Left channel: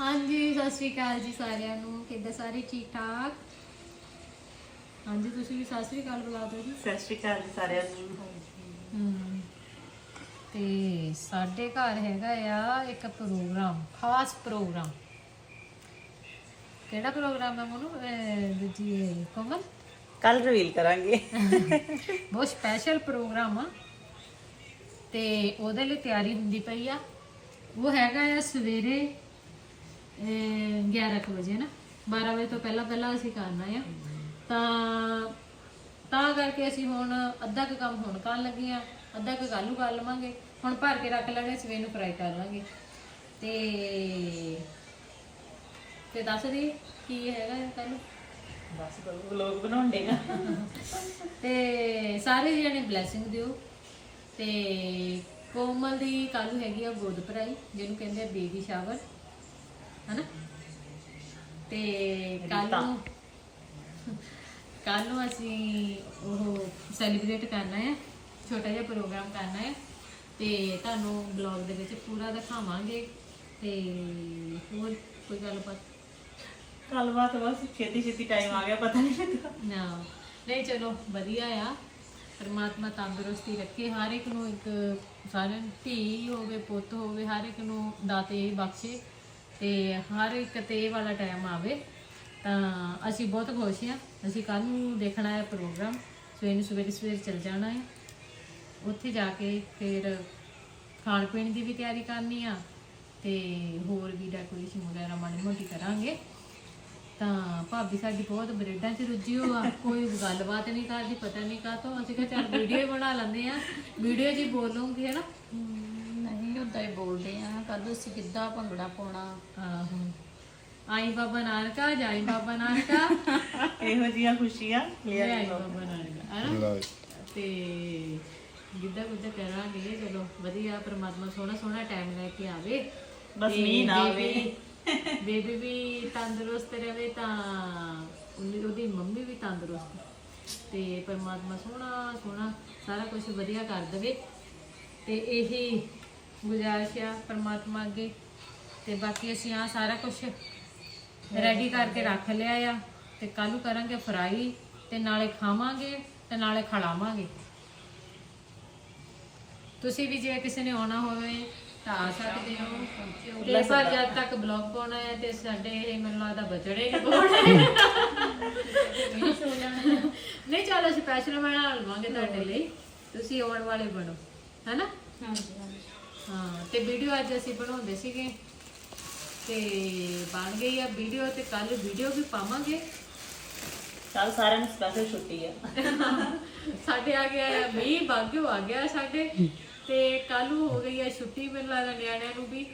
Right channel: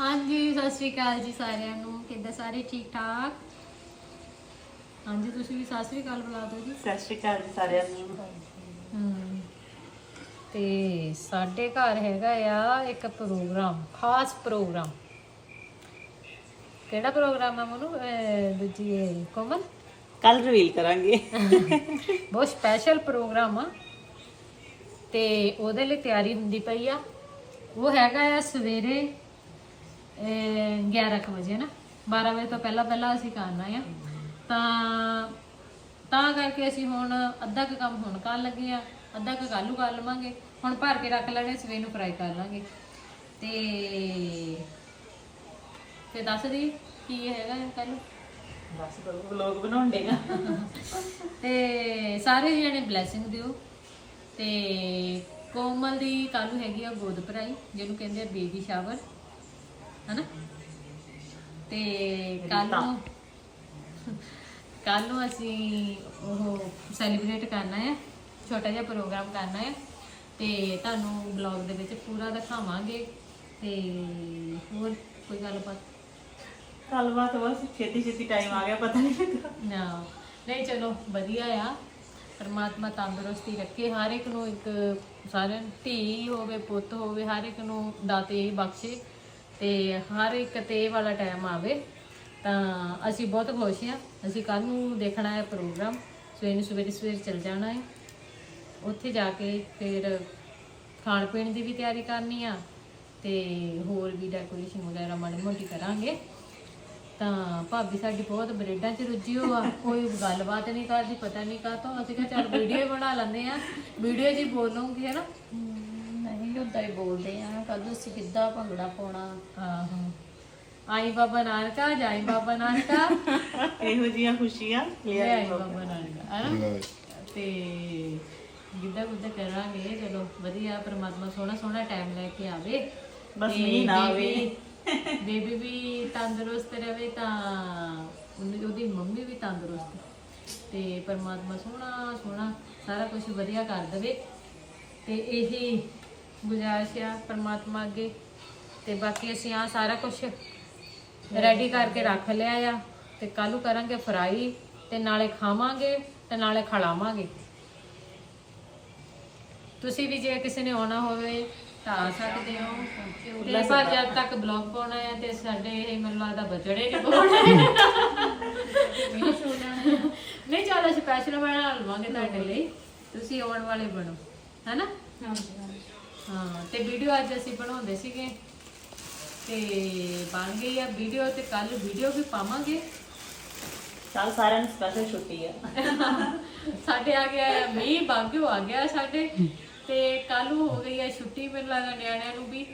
ਹਾਂਜੀ ਸਤਿ ਸ਼੍ਰੀ ਅਕਾਲ ਜੀ ਸਾਰਿਆਂ ਨੂੰ। ਕਿੱਦਾਂ ਸਾਰੇ ਠੀਕ ਠਾਕ ਹਾਂਜੀ ਤੁਸੀਂ ਵੀ ਸਤਿ ਸ਼੍ਰੀ ਅਕਾਲ ਬੁਲਾ ਦਿਓ ਜੀ। ਸਤਿ ਸ਼੍ਰੀ ਅਕਾਲ ਜੀ ਸਾਰਿਆਂ ਨੂੰ। ਹਮ, ਤੇ ਸਾਡੇ ਘਰ ਹੈਗਾ ਆ ਇੱਕ ਪ੍ਰੋਗਰਾਮ ਖਾਸ ਪ੍ਰੋਗਰਾਮ। ਕਿਹੜਾ ਪ੍ਰੋਗਰਾਮ ਹੈ ਮਨੂੰ? ਦੂਜੀ ਇਹ ਕੋਮਲ? ਕੱਲ ਰਿਵੀਲ ਕਰਾਂਗੇ। ਬਹੁਤ ਸਪੈਸ਼ਲ ਪ੍ਰੋਗਰਾਮ ਆ। ਤੇ ਉਹਦੇ ਲਈ ਤਿਆਰੀ ਹੁੰਦੀ ਪਈ ਆ। ਉਹ ਹੈਗਾ ਆ ਸਵੇਰੇ ਅਹ, 11 ਕੁ ਵਜੇ ਨਾ? 12 ਵਜੇ ਤੋਂ ਪਹਿਲਾਂ ਪਹਿਲਾਂ ਅਸੀਂ ਕਰਨਾ ਆ ਤਾਂ ਤਾਂ ਕਰਕੇ ਅਸੀਂ ਹੁਣ ਅੱਧਾ ਕੁ ਕੰਮ ਹੁਣ ਕਰਨ ਲੱਗੇ ਆ ਅੱਧਾ ਕੁ ਕੱਲ੍ਹ ਨੂੰ ਕਰ ਲਵਾਂਗੇ। ਹੁਣ ਭਰ ਕੇ ਰੱਖ ਲਾਂਗੇ ਸਵੇਰ ਨੂੰ ਫਰਾਈ ਕਰ ਲਾਂਗੇ। ਤੇ ਤੇ ਦੱਸ ਦੀ ਕੀ ਹੈਗਾ ਕੱਲ ਬਸ ਕਰੋ ਵਲੌਗ ਬਣਾਉਣ ਦੇਗਾ ਤੇ ਸਾਰੇ ਜਣੇ ਬਲੇਸਿੰਗ ਦਿਓ। ਤੇ ਕੋਮਲ ਦੀ ਕੱਲ ਹੈਗੀ ਆ ਗੋਦ ਭਰਾਈ ਜਿਹਨੂੰ ਕਹਿੰਦੇ ਆ ਬੇਬੀ ਸ਼ਾਵਰ ਹਨਾ? ਤੇ ਕੱਲ ਨੂੰ ਕੱਲ ਨੂੰ ਅਸੀਂ ਉਹ ਸੈਲੀਬ੍ਰੇਟ ਕਰਨਾ ਹੈ ਛੋਟਾ ਜਿਹਾ ਪ੍ਰੋਗਰਾਮ ਕਰਨਾ ਹੈ ਤੇ ਤੁਹਾਨੂੰ ਬਲੌਗ ਦੇ ਵਿੱਚ ਪੂਰਾ ਦਿਖਾਵਾਂਗੇ। ਤੇ ਹੋਰ ਕੋਈ ਗੱਲਬਾਤ? ਗੱਲਬਾਤ ਬਸ ਛੇਤੀ ਛੇਤੀ ਟਾਈਮ ਆ ਗਿਆ ਪਤਾ ਨਹੀਂ ਲੱਗਾ। ਨਾ। ਨਹੀਂ ਚਲੋ ਵਧੀਆ ਆ। ਪਰਮਾਤਮਾ ਤੰਦਰੁਸਤੀ ਰੱਖੇ। ਹਰ ਇੱਕ ਨੂੰ ਇੱਕ ਸਾਰਿਆਂ ਧੀ ਹੋਵੇ ਪੁੱਤ ਹੋਵੇ ਹਰ ਇੱਕ ਨੂੰ ਦਾਤੇ ਬਖਸ਼ੇ। ਤੇ ਹਰ ਇੱਕ ਤੇ ਇਹ ਵਾਲਾ ਟਾਈਮ ਆਵੇ, ਤਾਂ ਅਸੀਂ ਬਹੁਤ ਖੁਸ਼ ਹਾਂ। ਅਸੀਂ ਕੱਲ ਨੂੰ ਦੇਖਣਾ ਹੈ ਪ੍ਰੋਗਰਾਮ। ਸਵੇਰ ਨੂੰ ਸਵੇਰੇ ਸਵੇਰੇ ਚੱਲ ਜਾਣਾ ਹੈ। ਉੱਥੇ ਜਾ ਕੇ ਫਿਰ ਖਾਣ ਪੀਣ ਦੀ ਵੀ ਤਿਆਰੀ ਕਰਨੀ ਆ ਤੇ ਹੋਰ ਵੀ ਡੈਕੋਰੇਸ਼ਨ ਵਗੈਰਾ ਮਾੜੀ ਮੋਟੀ ਕਰਾਂਗੇ। ਤਾਂ ਭਾਬੀ ਸਾਡੀ ਬਹੁਤ ਬਰੇਡਾਂ 'ਚ ਰੁੱਝੀ ਹੋ ਆ। ਕੋਈ ਗੱਲਬਾਤ ਨਹੀਂ ਕਰਦੀ, ਪਤਾ ਨਹੀਂ ਕਾਹਤੋਂ। ਅਸੀਂ ਕਿਹਾ ਚੱਲ ਵੀਡੀਓ ਬਣਾ ਲੈਂਦੇ ਆ ਵੀਡੀਓ ਜੀ ਹੀ ਬੋਲੂੰਗੀ ਹੈ ਨਾ? ਨਹੀਂ ਉਦਾਂ ਹੀ ਬੋਲਦੇ ਆ ਕੱਲ ਅਸੀਂ ਕਿੱਦਾਂ ਭੰਗੜਾ ਪਾਉਣਾ? ਆਹੋ। ਆਈ ਬਾਬਾ ਨਾਨਕਾ ਜਾਈ ਬਾਬਾ ਨਾਨਕਾ। ਇਹੋ ਜੀਆਂ ਖੁਸ਼ੀਆਂ ਲੈ ਆਈ ਬਾਬਾ ਨਾਨਕਾ ਹੈ ਨਾ ਤੇ ਗਿੱਧਾ ਗੁੱਧਾ ਕਰਾਂਗੇ ਚਲੋ ਵਧੀਆ ਪਰਮਾਤਮਾ ਸੋਹਣਾ ਸੋਹਣਾ ਟਾਈਮ ਲੈ ਕੇ ਆਵੇ। ਬਸ ਤੇ ਮੀਂਹ ਨਾ ਬੇਬੀ- ਬੇਬੀ ਵੀ ਤੰਦਰੁਸਤ ਰਵੇ ਤਾਂ ਉਹਦੀ ਉਹਦੀ ਮੰਮੀ ਵੀ ਤੰਦਰੁਸਤ। ਤੇ ਪਰਮਾਤਮਾ ਸੋਹਣਾ ਸੋਹਣਾ ਸਾਰਾ ਕੁਝ ਵਧੀਆ ਕਰ ਦੇਵੇ। ਤੇ ਇਹੀ ਗੁਜ਼ਾਰਿਸ਼ ਆ ਪਰਮਾਤਮਾ ਅੱਗੇ। ਤੇ ਬਾਕੀ ਅਸੀਂ ਆ ਸਾਰਾ ਕੁਝ ਰੈਡੀ ਕਰਕੇ ਰੱਖ ਲਿਆ ਆ। ਤੇ ਕੱਲ ਨੂੰ ਕਰਾਂਗੇ ਫਰਾਈ ਤੇ ਨਾਲੇ ਖਾਵਾਂਗੇ ਤੇ ਨਾਲੇ ਖੜਾਵਾਂਗੇ ਤੁਸੀਂ ਵੀ ਜੇ ਕਿਸੇ ਨੇ ਆਉਣਾ ਹੋਵੇ ਤਾਂ ਆ ਸਕਦੇ ਹੋ। ਤੇ ਪਰ ਜਦ ਤੱਕ ਬਲੌਗ ਪਾਉਣਾ ਹੈ ਤੇ ਸਾਡੇ ਇਹ ਮੈਨੂੰ ਲੱਗਦਾ ਬਚੜੇ ਨਹੀਂ ਪਾਉਣੇ। ਨਹੀਂ ਚੱਲ ਸਪੈਸ਼ਲ ਬਣਾ ਲਵਾਂਗੇ ਤੁਹਾਡੇ ਲਈ। ਤੁਸੀਂ ਆਉਣ ਵਾਲੇ ਬਣੋ। ਹੈਨਾ? ਹਾਂ ਤੇ ਵੀਡੀਓ ਅੱਜ ਅਸੀਂ ਬਣਾਉਂਦੇ ਸੀਗੇ। ਤੇ ਬਣ ਗਈ ਆ ਵੀਡੀਓ ਤੇ ਕੱਲ ਵੀਡੀਓ ਵੀ ਪਾਵਾਂਗੇ। ਕੱਲ ਸਾਰਿਆਂ ਨੂੰ ਸਪੈਸ਼ਲ ਛੁੱਟੀ ਆ। ਸਾਡੇ ਆ ਗਿਆ ਹੈ ਮੀਂਹ ਬਾਗਿਓ ਆ ਗਿਆ ਸਾਡੇ। ਤੇ ਕੱਲ ਨੂੰ ਹੋ ਗਈ ਹੈ ਛੁੱਟੀ ਮੈਨੂੰ ਲੱਗਦਾ ਨਿਆਣਿਆਂ ਨੂੰ ਵੀ।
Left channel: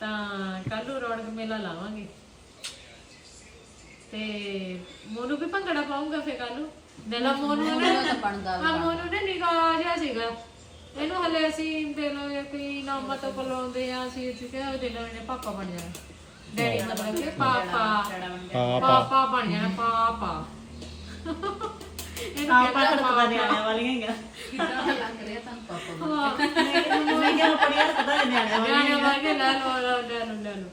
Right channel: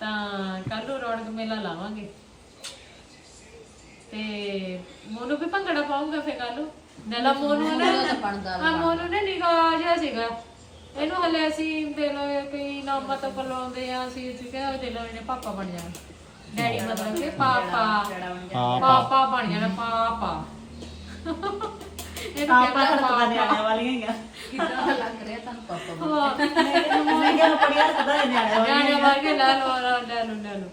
ਤਾਂ ਕੱਲ ਨੂੰ ਰੌਣਕ ਮੇਲਾ ਲਾਵਾਂਗੇ। ਤੇ ਮੋਨੂ ਵੀ ਭੰਗੜਾ ਪਾਉਂਗਾ ਫੇ ਕੱਲ ਨੂੰ। ਨਲਾ ਮੋਨੂ ਨੇ ਤਾਂ ਬਣਦਾ ਹਾਂ ਮੋਨੂ ਨੇ ਨਿਗਾਹ ਜਿਹਾ ਸੀਗਾ। ਇਹਨੂੰ ਹਲੇ ਅਸੀਂ ਦੇ ਲੋ ਕੋਈ ਨਾਮ ਤੋਂ ਬੁਲਾਉਂਦੇ ਆ ਅਸੀਂ ਅਸੀਂ ਕਿਹਾ ਦੇ ਲੋ ਇਹਨੇ ਪਾਪਾ ਬਣ ਜਾਣਾ। ਡੈਡੀ ਮਤਲਬ ਕਿ ਪਾਪਾ। ਪਾਪਾ। ਬਣ ਜਾਣਾ ਪਾਪਾ। ਇਹਨੂੰ ਕਹਿੰਦਾ ਹਰਕਤਾਂ ਨਿਆਣਿਆਂ ਵਾਲੀਆਂ ਹੈਗੀਆਂ ਕਿੱਦਾਂ ਲੱਗ ਰਿਹਾ ਤੁਹਾਨੂੰ? ਪਾਪਾ ਹਾਂ। ਮੈਂ ਕਿਹਾ ਬੜੀਆਂ ਹਰਕਤਾਂ ਨਿਆਣਿਆਂ ਵਾਲੀਆਂ ਵਾਗੇ ਲੈ ਲੋ ਲੈ ਲੋ ਲੈ ਲੋ